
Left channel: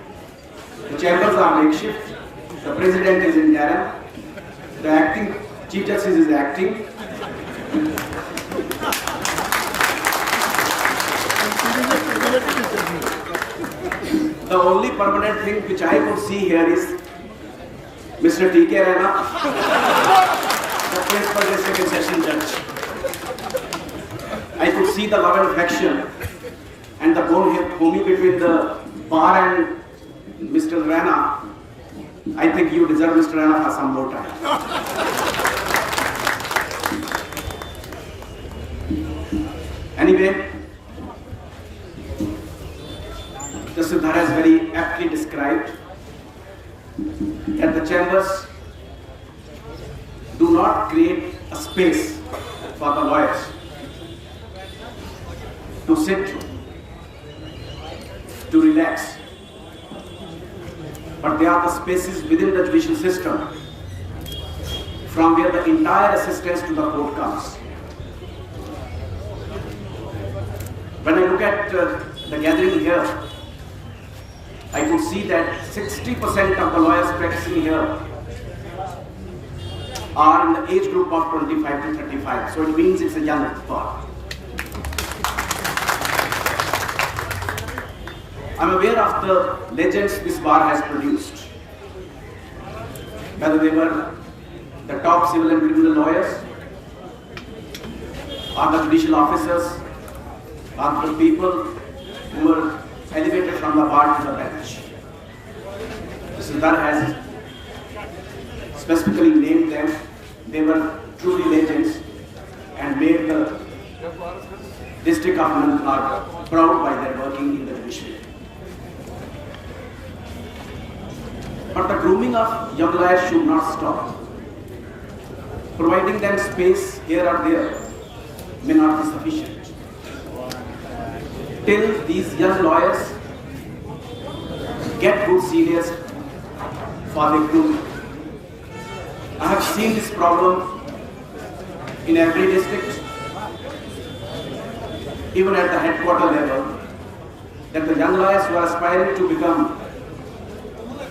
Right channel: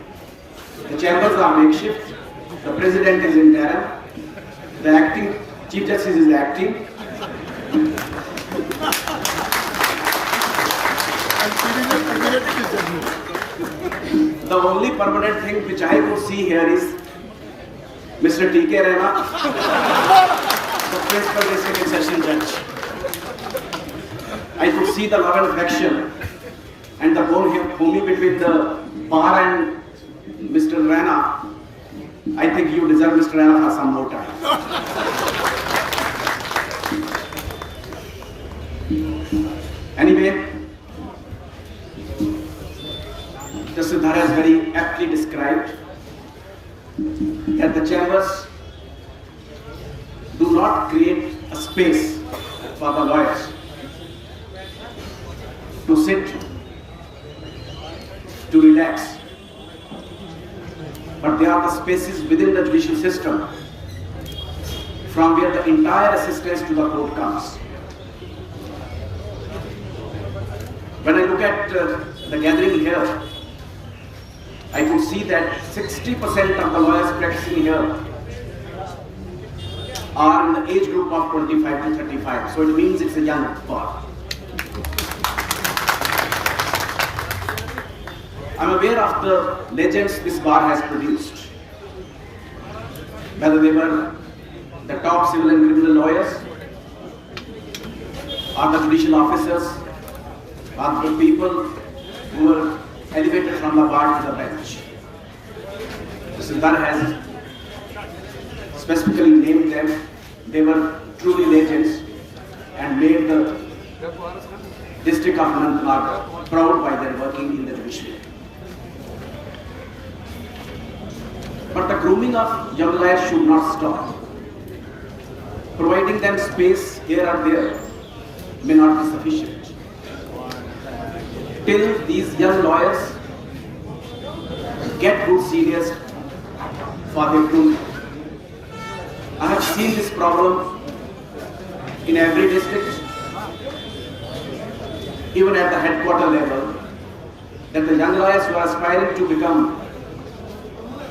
The chambers are makeshift, the president is in interim, the acting chief justice is acting. The only permanent thing which I could see here is Mr. T.K. Raina, the principal district and session judge. I could see the love and affection and the bond between the bar and Mr. Raina. I think you deserve Mr. Raina for some more time. Anyway, Justice Dhar has very aptly described that the chambers do not create a space for the lawyers to sit, to relax, but they are the spaces within the judicial system from where the entire assistance to the court comes. When I look at the gathering here, I could see that 60% of the lawyers practicing here are in the age group of 25 to 35. So it means it's a young bar. I'm aware of the legends this bar has produced. Whether they were the top civil and criminal lawyers, or the judicial officers, or the people who were elevated from the bar to the bench. Mr. Dhar has specifically named them. They were truly legends and made the district of Anantnag proud by their working in the judiciary. But the grooming of young lawyers should not stop. Providing them space here or there may not be sufficient. Till these young lawyers get good seniors for their grooming. I have seen this problem in every district, even at the headquarter level, that the young lawyers who are aspiring to become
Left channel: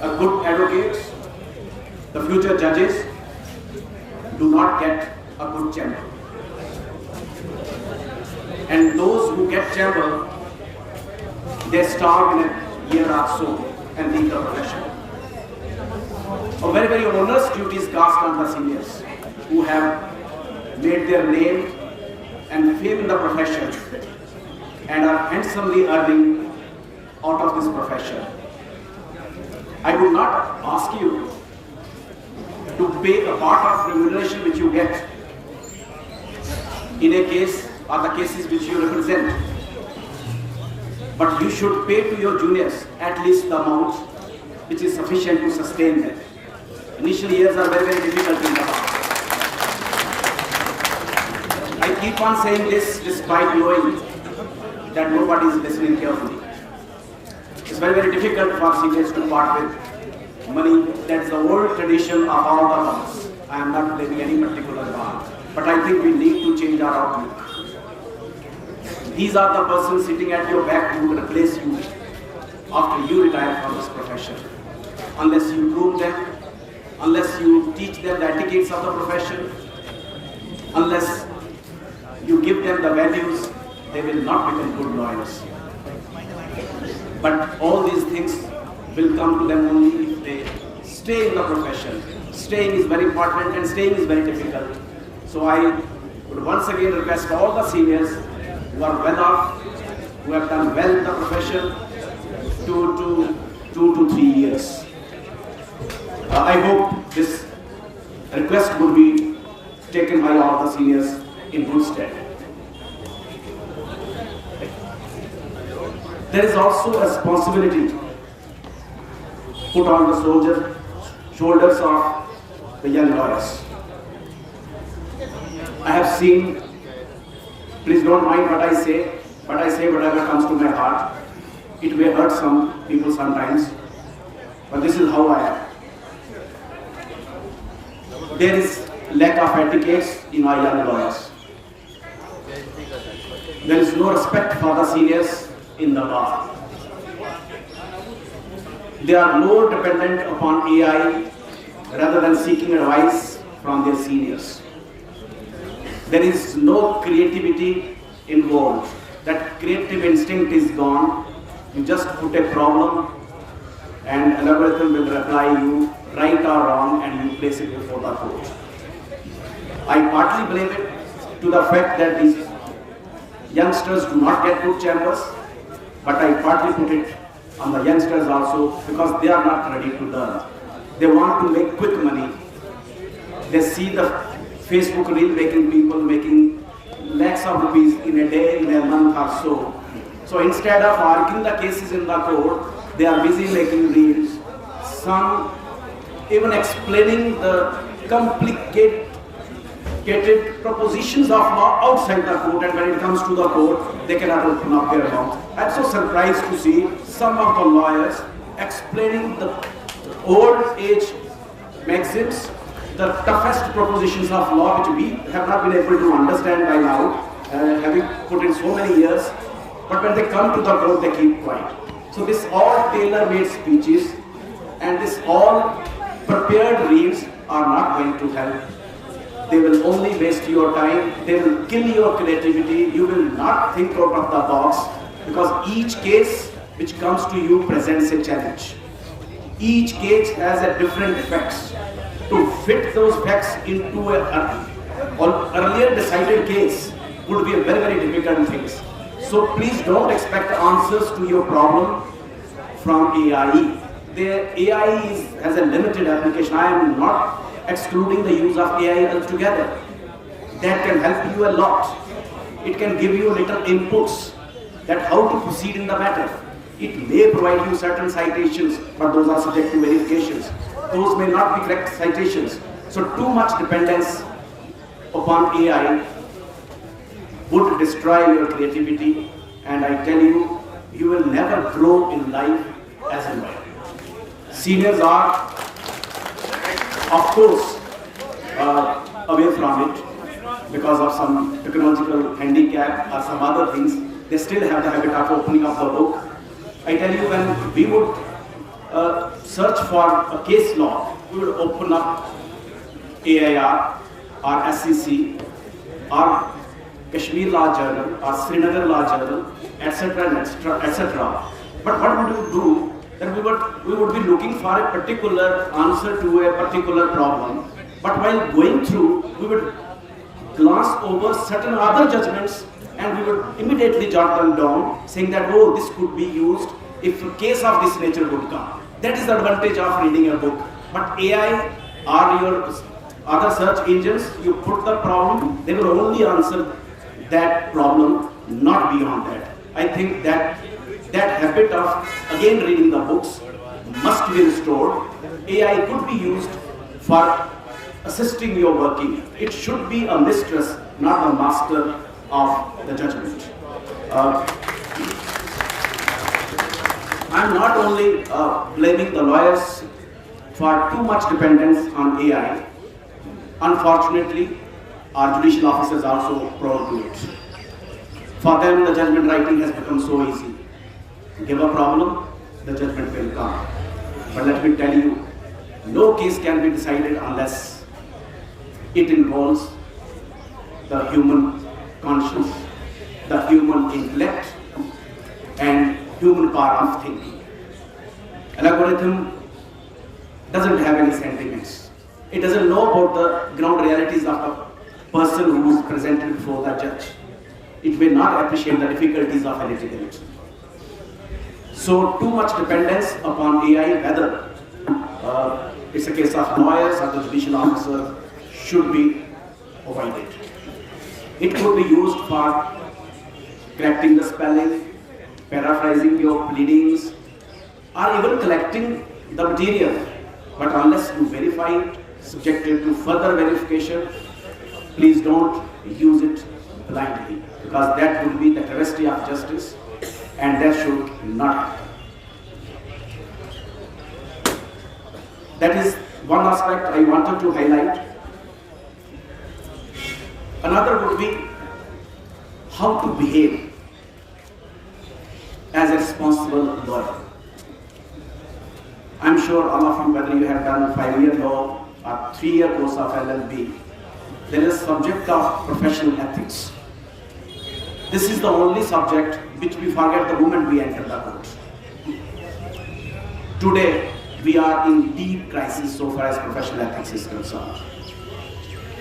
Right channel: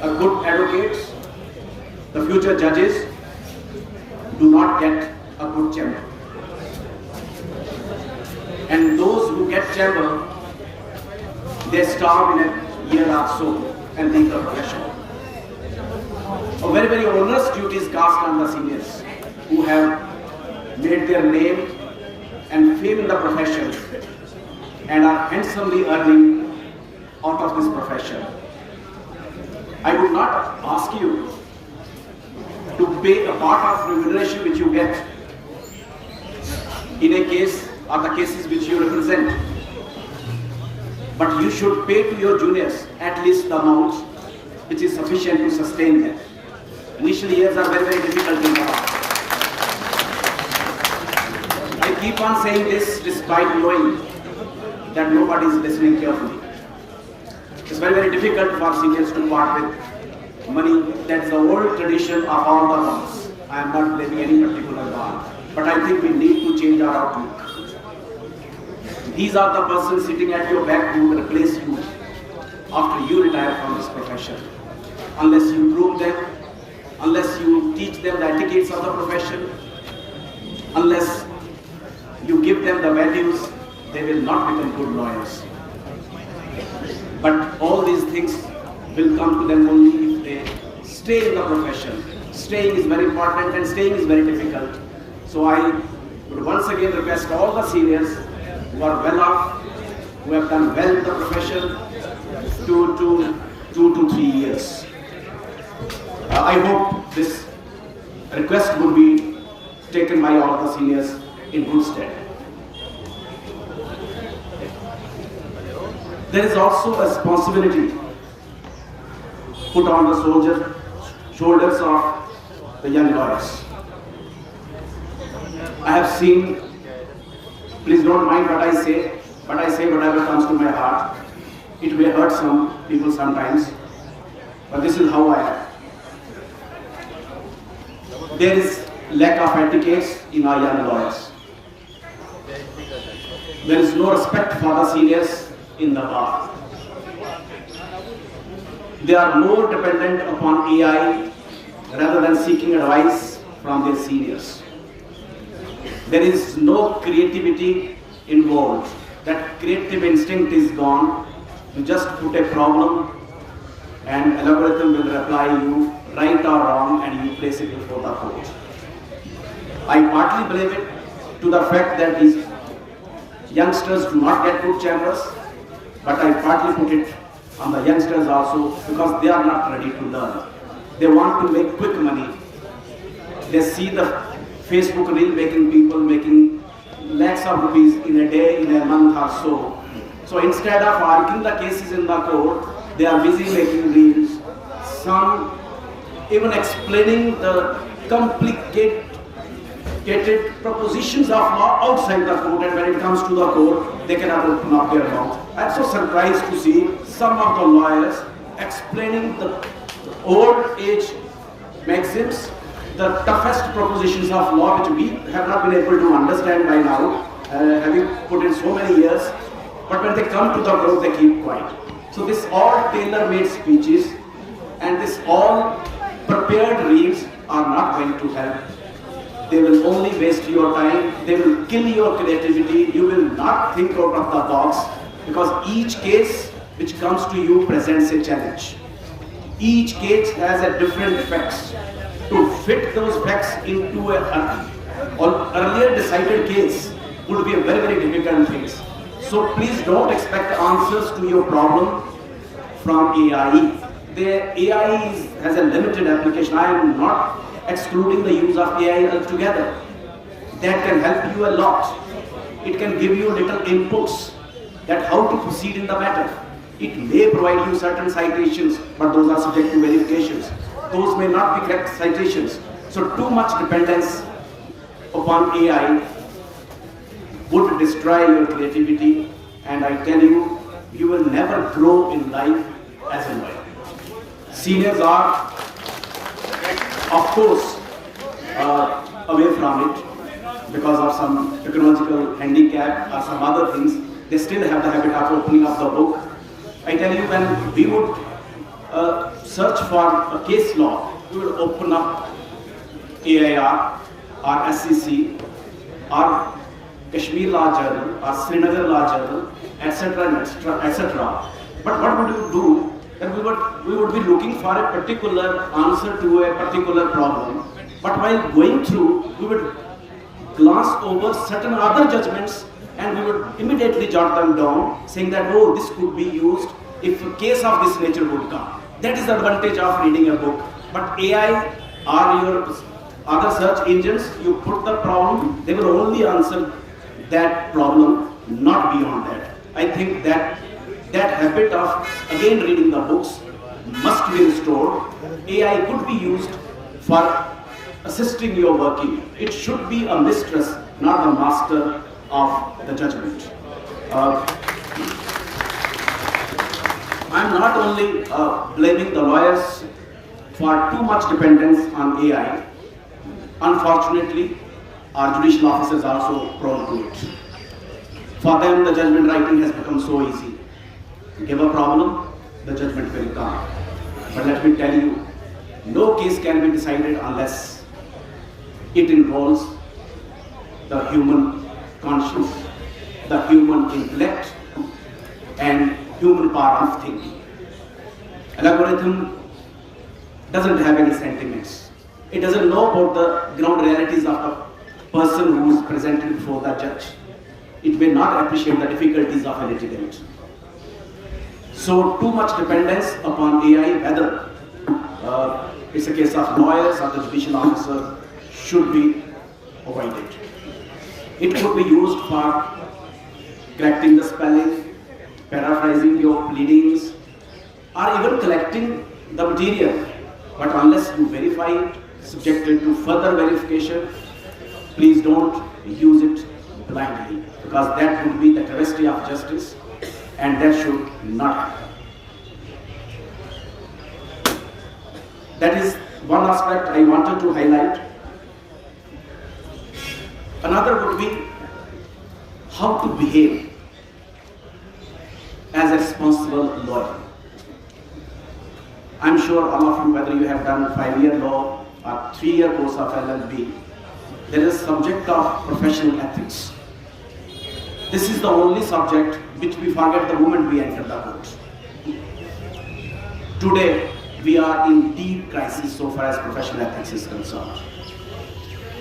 a good advocates, the future judges, do not get a good chamber. And those who get chamber, they starve in a year or so and leave the profession. A very, very onerous duty is cast on the seniors who have made their name and fame in the profession and are handsomely earning out of this profession. I would not ask you to pay a part of remuneration which you get in a case or the cases which you represent, but you should pay to your juniors at least the amount which is sufficient to sustain them. Initial years are very, very difficult in the past. I keep on saying this despite knowing that nobody is listening carefully. It's very, very difficult for seniors to part with money. That's the old tradition of all the banks. I am not blaming any particular bank, but I think we need to change our outlook. These are the persons sitting at your back who will replace you after you retire from this profession. Unless you groom them, unless you teach them the etiquettes of the profession, unless you give them the values, they will not become good lawyers. But all these things will come to them only if they stay in the profession. Staying is very important and staying is very difficult. So I would once again request all the seniors who are well off, who have done well in the profession, 2 to 3 years. I hope this request would be taken by all the seniors in good stead. There is also a responsibility put on the shoulders of the young lawyers. I have seen, please don't mind what I say, but I say whatever comes to my heart. It may hurt some people sometimes, but this is how I am. There is lack of etiquette in our young lawyers. There is no respect for the seniors in the bar. They are more dependent upon AI rather than seeking advice from their seniors. There is no creativity involved. That creative instinct is gone. You just put a problem and an algorithm will reply you right or wrong and you place it before the court. I partly blame it to the fact that these youngsters do not get good chambers, but I partly put it on the youngsters also because they are not ready to learn. They want to make quick money. They see the Facebook reel making people making lakhs of rupees in a day, in a month or so. So instead of arguing the cases in the court, they are busy making reels. Some even explaining the complicated propositions of law outside the court, and when it comes to the court, they cannot open up their mouth. I'm so surprised to see some of the lawyers explaining the old age maxims, the toughest propositions of law which we have not been able to understand by now, having put in so many years, but when they come to the court, they keep quiet. So this all tailor-made speeches and this all prepared reels are not going to help. They will only waste your time, they will kill your creativity, you will not think out of the box because each case which comes to you presents a challenge. Each case has a different facts. To fit those facts into an earlier decided case would be a very, very difficult thing. So please don't expect answers to your problem from AI. The AI has a limited application. I am not excluding the use of AI altogether. That can help you a lot. It can give you little inputs that how to proceed in the matter. It may provide you certain citations, but those are subject to verifications. Those may not be correct citations. So too much dependence upon AI would destroy your creativity, and I tell you, you will never grow in life as a lawyer. Seniors are, of course, away from it because of some technological handicap or some other things. They still have the habit of opening up the book. I tell you, when we would search for a case law, we would open up AIR or SEC or Kashmir Law Journal or Srinagar Law Journal, etc., etc., etc. But what would you do? That we would be looking for a particular answer to a particular problem. But while going through, we would glance over certain other judgments and we would immediately jot them down, saying that, oh, this could be used if a case of this nature would come. That is the advantage of reading a book. But AI or your other search engines, you put the problem, they will only answer that problem, not beyond that. I think that habit of again reading the books must be restored. AI could be used for assisting your working. It should be a mistress, not the master of the judgment. I'm not only blaming the lawyers for too much dependence on AI. Unfortunately, our judicial officers are also prone to it. For them, the judgment writing has become so easy. Give a problem, the judgment will come. But let me tell you, no case can be decided unless it involves the human conscience, the human intellect, and human power of thinking. An algorithm doesn't have any sentiments. It doesn't know about the ground realities of the person who is presented before the judge. It may not appreciate the difficulties of a litigant. So too much dependence upon AI, whether it's a case of lawyers or the judicial officer, should be avoided. It could be used for correcting the spelling, paraphrasing your pleadings, or even collecting the material. But unless you verify it, subjected to further verification, please don't use it blindly, because that would be the travesty of justice, and that should not happen. That is one aspect I wanted to highlight. Another would be how to behave as a responsible lawyer. I'm sure all of you, whether you have done 5-year law or 3-year course of LLB, there is subject of professional ethics. This is the only subject which we forget the moment we enter the court. Today, we are in deep crisis so far as professional ethics is concerned.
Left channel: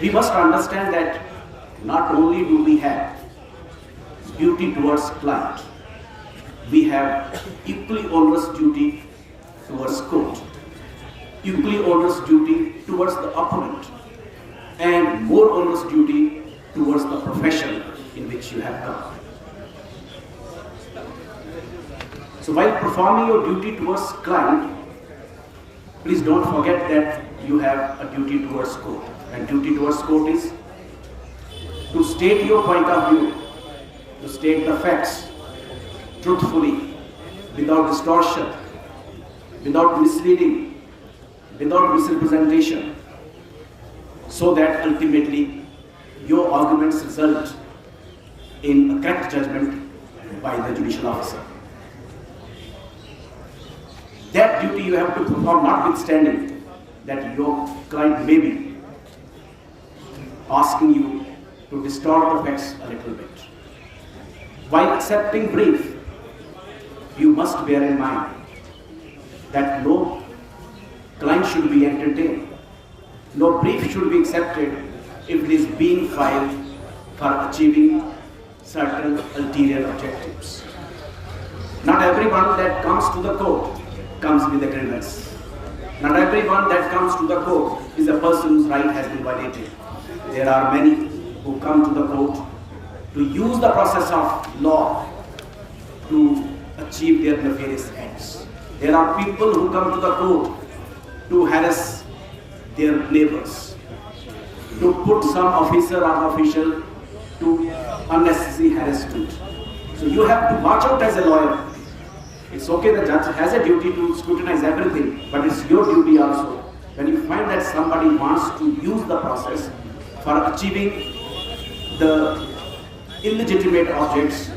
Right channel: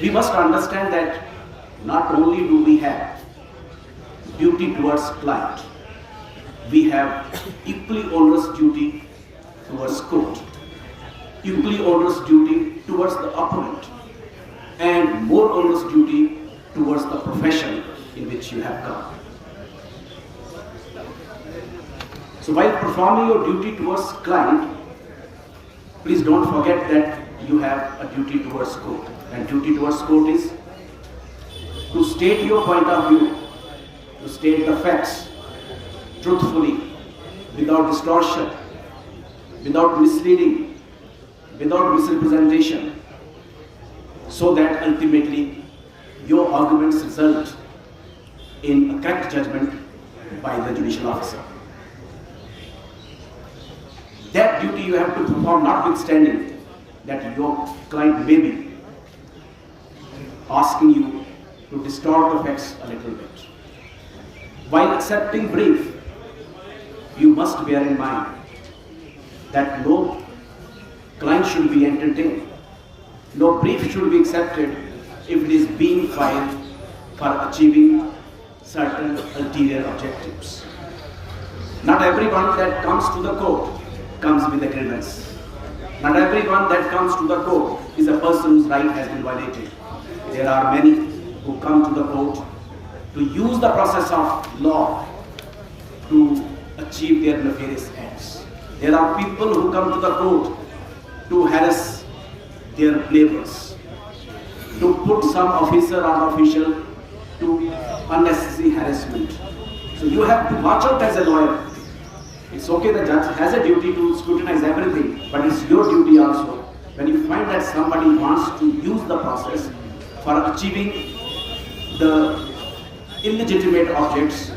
We must understand that not only do we have duty towards client, we have equally onerous duty towards court, equally onerous duty towards the opponent, and more onerous duty towards the profession in which you have come. So while performing your duty towards client, please don't forget that you have a duty towards court. And duty towards court is to state your point of view, to state the facts truthfully, without distortion, without misleading, without misrepresentation, so that ultimately your arguments result in a correct judgment by the judicial officer. That duty you have to perform, notwithstanding that your client may be asking you to distort the facts a little bit. While accepting brief, you must bear in mind that no client should be entertained. No brief should be accepted if it is being filed for achieving certain ulterior objectives. Not everyone that comes to the court comes with a grievance. Not everyone that comes to the court is a person whose right has been violated. There are many who come to the court to use the process of law to achieve their nefarious ends. There are people who come to the court to harass their neighbors, to put some officer or official to unnecessary harassment. So you have to watch out as a lawyer. It's okay, the judge has a duty to scrutinize everything, but it's your duty also. When you find that somebody wants to use the process for achieving the illegitimate objects,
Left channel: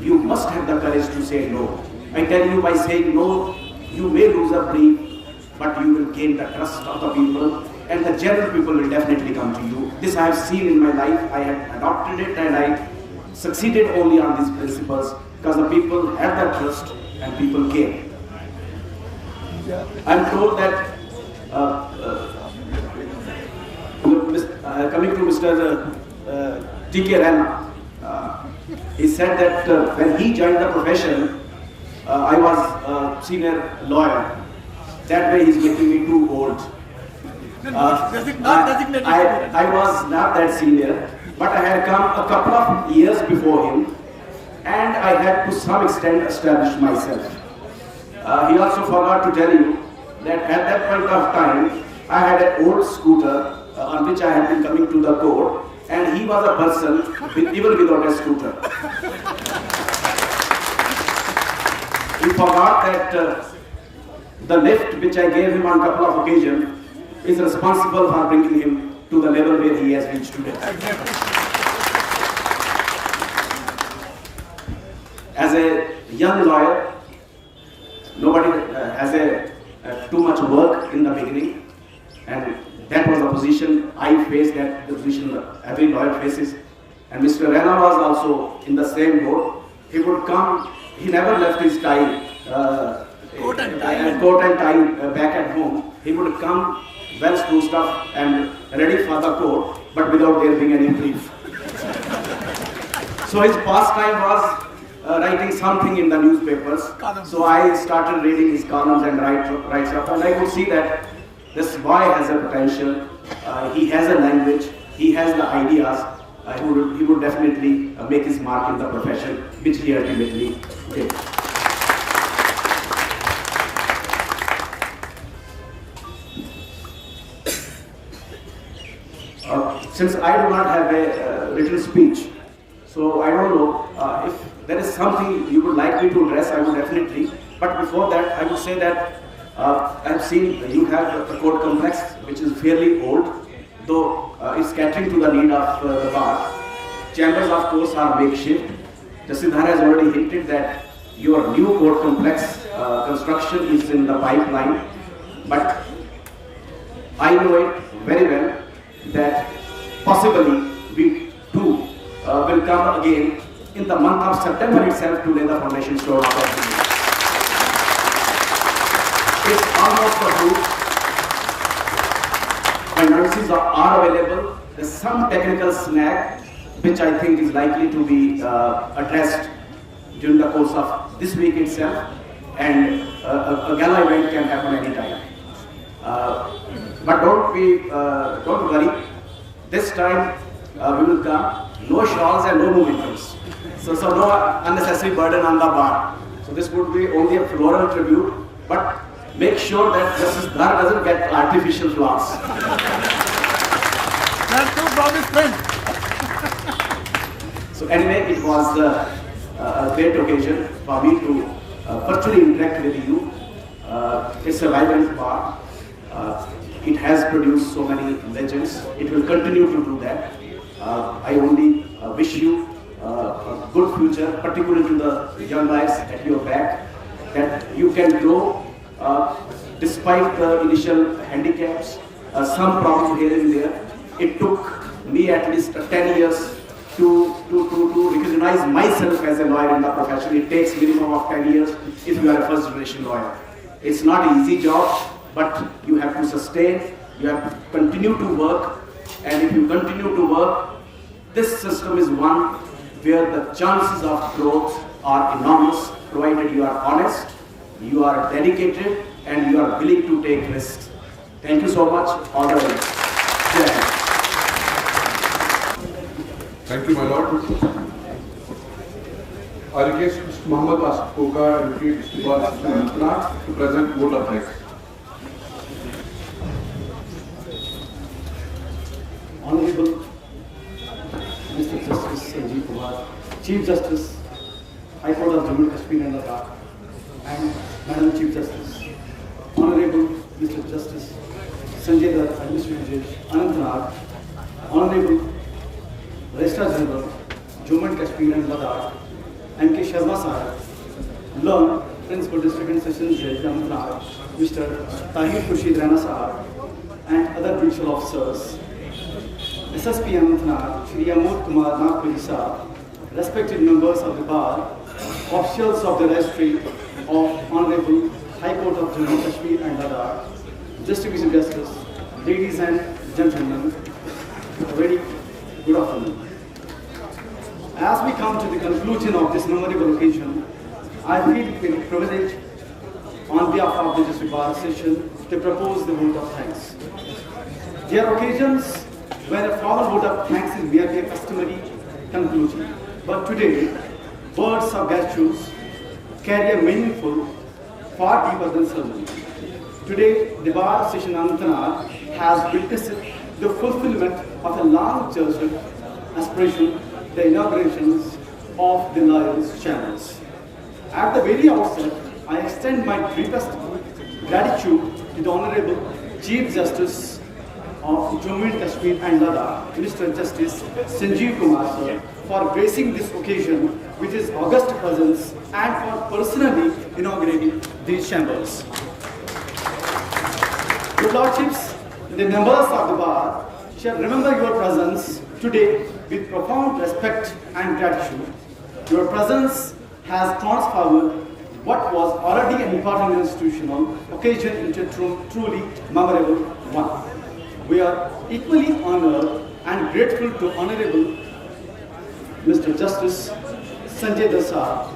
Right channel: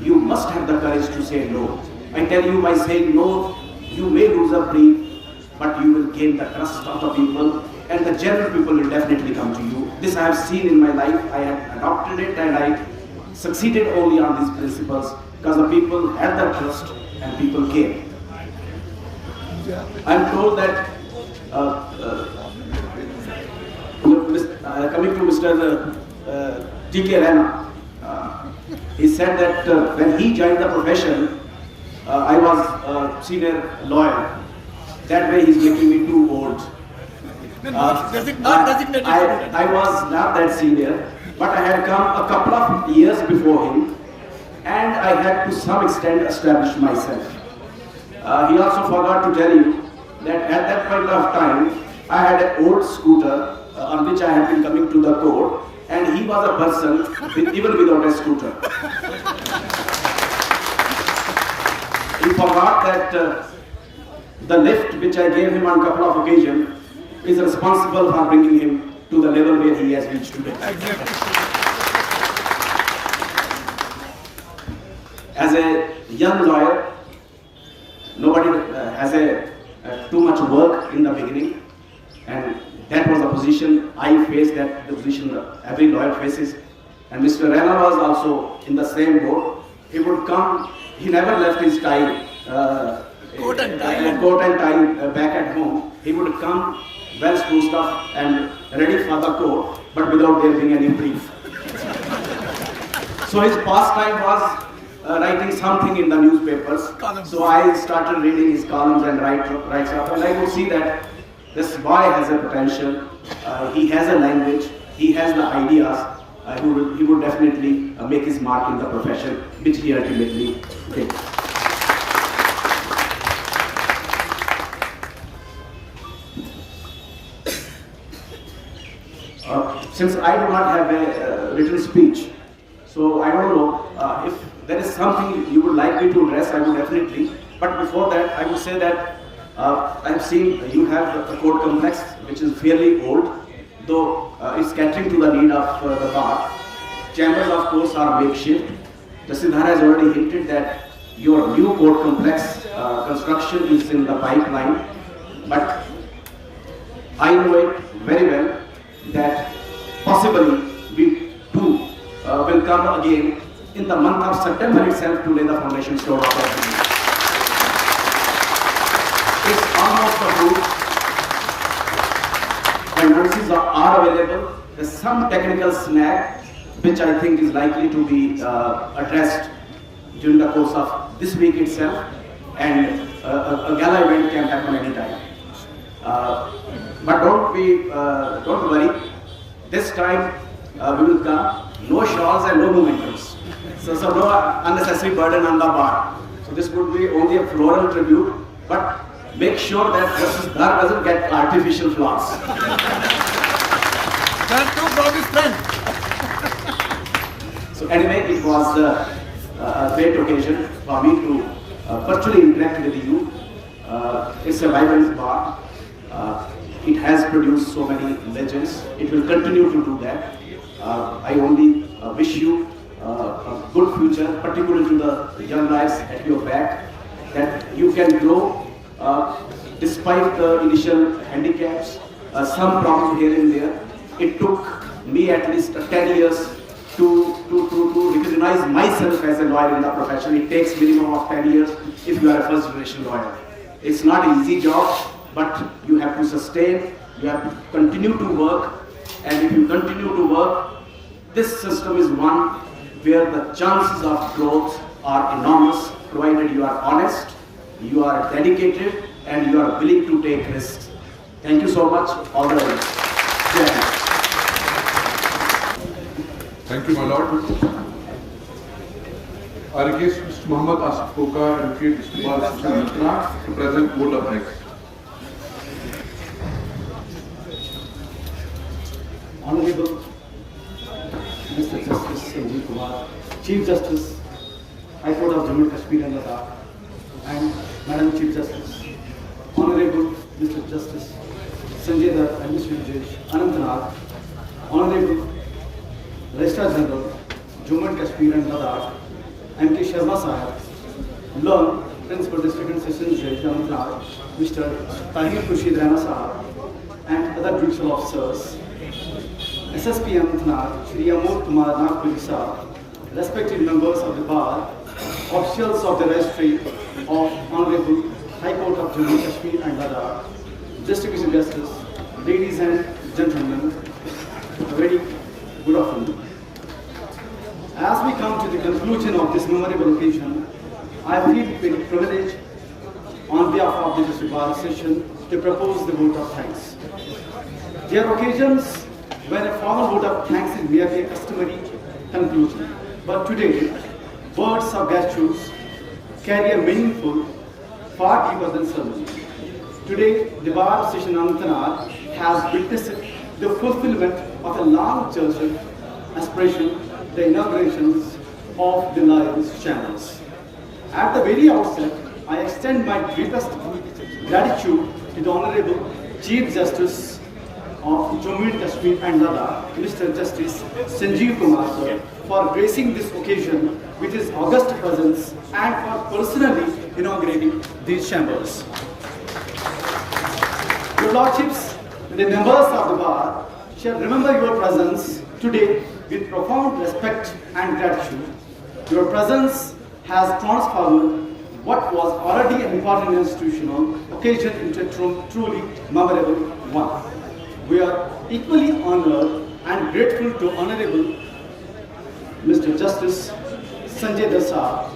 you must have the courage to say no. I tell you, by saying no, you may lose a brief, but you will gain the trust of the people, and the general people will definitely come to you. This I have seen in my life. I had adopted it and I succeeded only on these principles because the people had the trust and people came. I'm told that coming to Mr. T.K. Rana, he said that when he joined the profession, I was a senior lawyer. That way he's making me too old. I was not that senior, but I had come a couple of years before him, and I had to some extent establish myself. He also forgot to tell you that at that point of time, I had an old scooter on which I had been coming to the court, and he was a person even without a scooter. He forgot that the lift which I gave him on a couple of occasions is responsible for bringing him to the level where he has reached today. As a young lawyer, nobody has too much work in the beginning, and that was the position I faced, that the position every lawyer faces. And Mr. Rana was also in the same boat. He would come, he never left his tie, coat and tie back at home. He would come well spruced up and ready for the court, but without there being any brief. So his pastime was writing something in the newspapers. So I started reading his columns and writes up, and I could see that this boy has a potential. He has a language. He has the ideas. He would definitely make his mark in the profession, which he ultimately did. Since I do not have a written speech, so I don't know if there is something you would like me to address, I would definitely. But before that, I would say that I have seen you have the court complex, which is fairly old, though it's catering to the need of the bar. Chambers, of course, are makeshift. Justice Dhar has already hinted that your new court complex construction is in the pipeline, but I know it very well that possibly we too will come again in the month of September itself to lay the foundation stone of that. It's almost approved. Finances are available. There's some technical snag which I think is likely to be addressed during the course of this week itself, and a gala event can happen anytime. But don't worry. This time we will come. No shawls and no mementos. So no unnecessary burden on the bar. So this would be only a floral tribute, but make sure that Justice Dhar doesn't get artificial flowers. Thank you for this friend. So anyway, it was a great occasion for me to virtually interact with you. It's a vibrant bar. It has produced so many legends. It will continue to do that. I only wish you a good future, particularly to the young guys at your back, that you can grow despite the initial handicaps, some problems here and there. It took me at least 10 years to recognize myself as a lawyer in the profession. It takes minimum of 10 years if you are a first generation lawyer. It's not an easy job, but you have to sustain, you have to continue to work, and if you continue to work, this system is one where the chances of growth are enormous, provided you are honest, you are dedicated, and you are willing to take risks. Thank you so much. All the best. Thank you, my lord. I request Mr. Muhammad Asif Koka and Mr. Bar to present vote of thanks. Honorable Mr. Justice Sanjeev Kumar, Chief Justice, High Court of Jammu and Kashmir and Ladakh, and Madam Chief Justice, Honorable Mr. Justice Sanjay Dhar and Mr. Anantnag, Honorable Registrar General, Jammu and Kashmir and Ladakh, M.K. Sharma Sahib, Learned Principal District and Sessions Judge Anantnag, Mr. Tahir Khurshid Rana Sahib, and other judicial officers, SSP Anantnag, Shri Amod Kumar Nagpuri Sir, respected members of the bar, officials of the registry of Honorable High Court of Jammu Kashmir and Ladakh, District Justice, ladies and gentlemen, a very good afternoon. As we come to the conclusion of this memorable occasion, I feel very privileged on behalf of the District Bar Association to propose the vote of thanks. There are occasions when a formal vote of thanks is merely a customary conclusion, but today, words of gratitude carry a meaningful, far deeper than ceremony. Today, the Bar Association Anantnag has witnessed the fulfillment of a long cherished aspiration, the inaugurations of the lawyers' chambers. At the very outset, I extend my deepest gratitude to the Honorable Chief Justice of Jammu and Kashmir and Ladakh, Mr.Justice Sanjeev Kumar Sir, for gracing this occasion with his august presence and for personally inaugurating these chambers. Your Lordships, the members of the bar shall remember your presence today with profound respect and gratitude. Your presence has transformed what was already an important institutional occasion into a truly memorable one. We are equally honored and grateful to Honorable Mr. Justice Sanjay Dhar,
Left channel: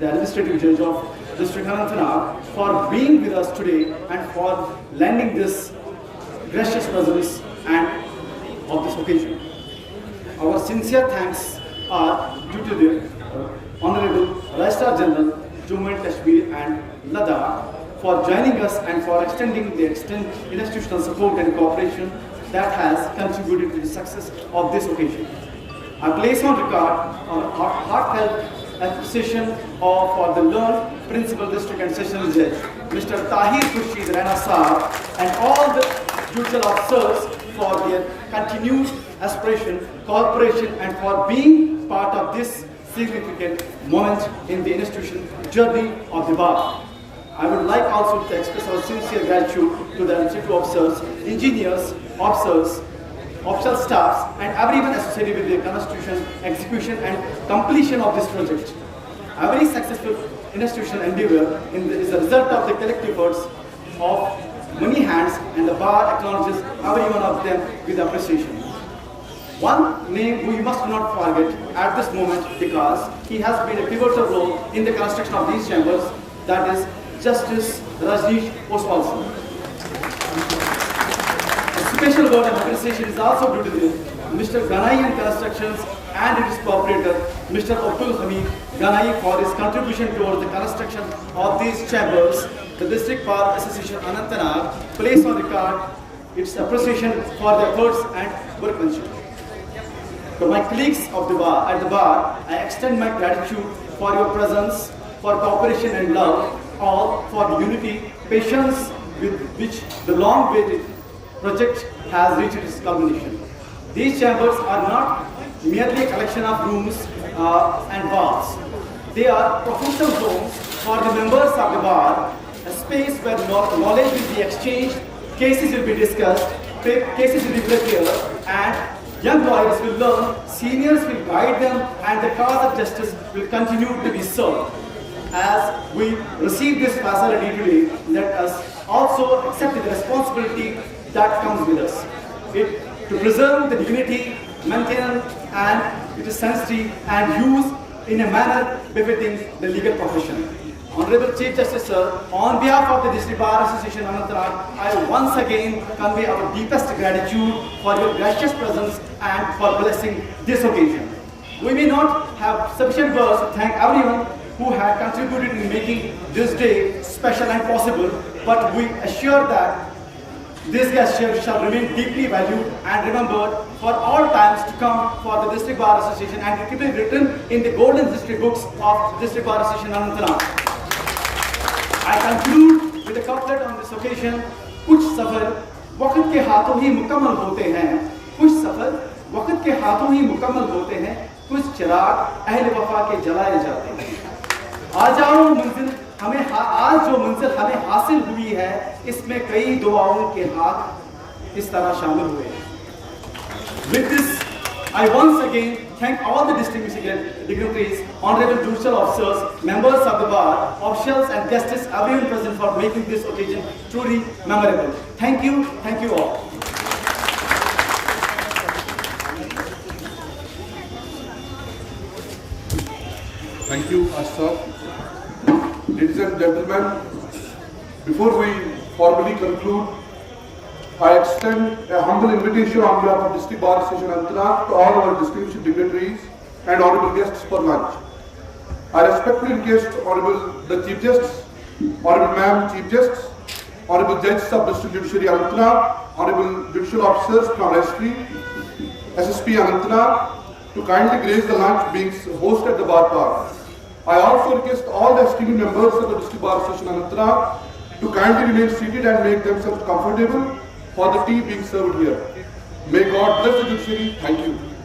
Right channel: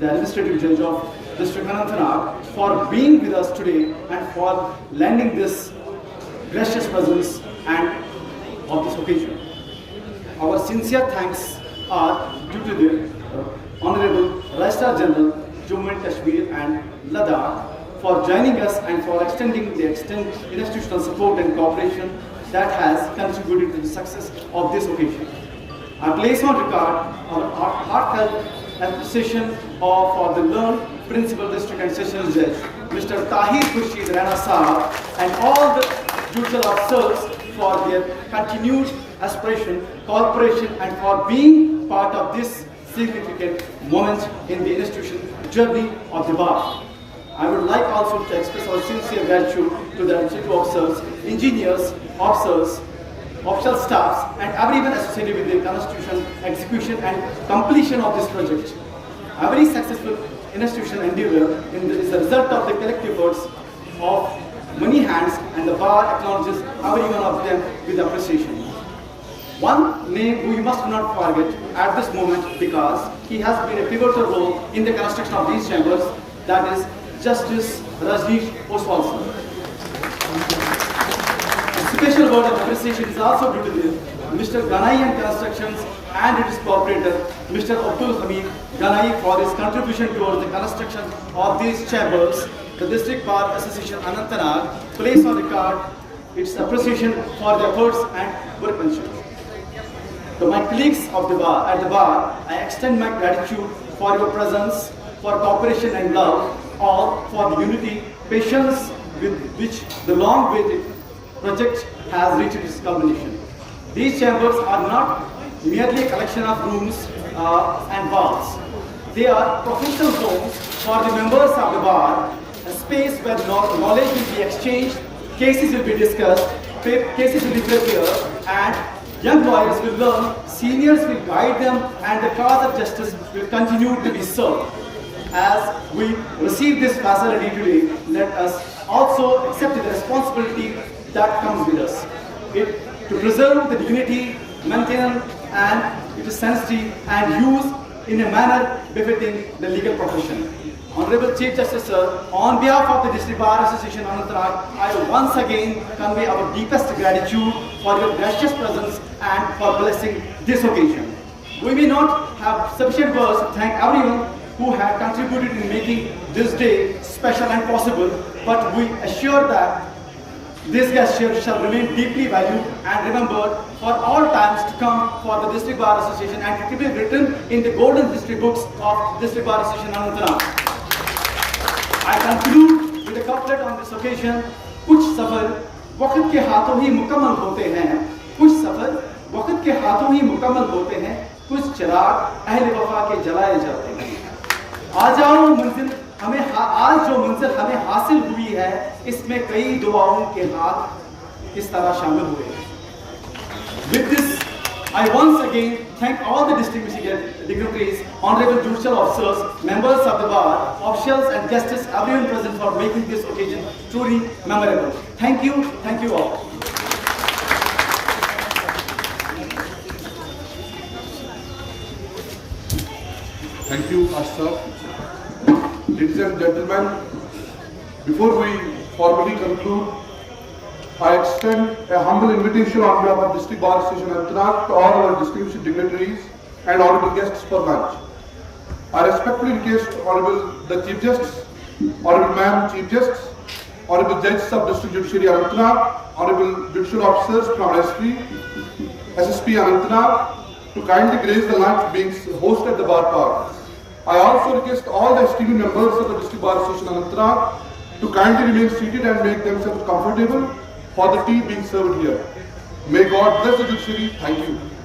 the Administrative Judge of District Anantnag, for being with us today and for lending this gracious presence and of this occasion. Our sincere thanks are due to the Honorable Registrar General, Jammu and Kashmir and Ladakh, for joining us and for extending the institutional support and cooperation that has contributed to the success of this occasion. I place on record our heartfelt appreciation for the learned Principal District and Sessions Judge, Mr. Tahir Khurshid Rana Sahab, and all the judicial officers for their continued aspiration, cooperation, and for being part of this significant moment in the institution journey of the bar. I would like also to express our sincere gratitude to the institute officers, engineers, officers, official staffs, and everyone associated with the constitution, execution, and completion of this project. Every successful institutional endeavor is the result of the collective efforts of many hands, and the bar acknowledges every one of them with appreciation. One name we must not forget at this moment, because he has played a pivotal role in the construction of these chambers, that is Justice Rajneesh Oswal sir. A special word of appreciation is also due to Mr. Ganai and Constructions and its cooperator, Mr. Abdul Hamid Ganai, for his contribution towards the construction of these chambers. The District Bar Association Anantnag places on record its appreciation for the efforts and workmanship. To my colleagues of the bar, at the bar, I extend my gratitude for your presence, for cooperation and love, all for the unity, patience with which the long-awaited project has reached its culmination. These chambers are not merely a collection of rooms and walls. They are professional homes for the members of the bar, a space where knowledge will be exchanged, cases will be discussed, cases will be prepared, and young lawyers will learn, seniors will guide them, and the cause of justice will continue to be served. As we receive this facility today, let us also accept the responsibility that comes with us. To preserve the dignity, maintenance, and its sanctity, and use in a manner befitting the legal profession. Honorable Chief Justice Sir, on behalf of the District Bar Association Anantnag, I once again convey our deepest gratitude for your gracious presence and for blessing this occasion. We may not have sufficient words to thank everyone who had contributed in making this day special and possible, but we assure that this gesture shall remain deeply valued and remembered for all times to come for the District Bar Association, and it will be written in the golden history books of District Bar Association Anantnag. I conclude with a couplet on this occasion. कुछ सफर वक्त के हाथों ही मुकम्मल होते हैं, कुछ सफर वक्त के हाथों ही मुकम्मल होते हैं, कुछ चिराग अहले वफा के जलाए जाते हैं। आ जाओ मंजिल हमें आज जो मंजिल हमें हासिल हुई है, इसमें कई दुआओं के हाथ इस तरह शामिल हुए। With this, I once again thank all the distinguished dignitaries, honorable judicial officers, members of the bar, officials and guests, everyone present for making this occasion truly memorable. Thank you all. Thank you, Ashraf. Ladies and gentlemen, before we formally conclude, I extend a humble invitation on behalf of District Bar Association Anantnag to all our distinguished dignitaries and honorable guests for lunch. I respectfully request Honorable the Chief Justice, Honorable Ma'am Chief Justice, Honorable Judges of District Judiciary Anantnag, Honorable Judicial Officers from SSP Anantnag to kindly grace the lunch being hosted at the bar park. I also request all the esteemed members of the District Bar Association Anantnag to kindly remain seated and make themselves comfortable for the tea being served here. May God bless the judiciary. Thank you.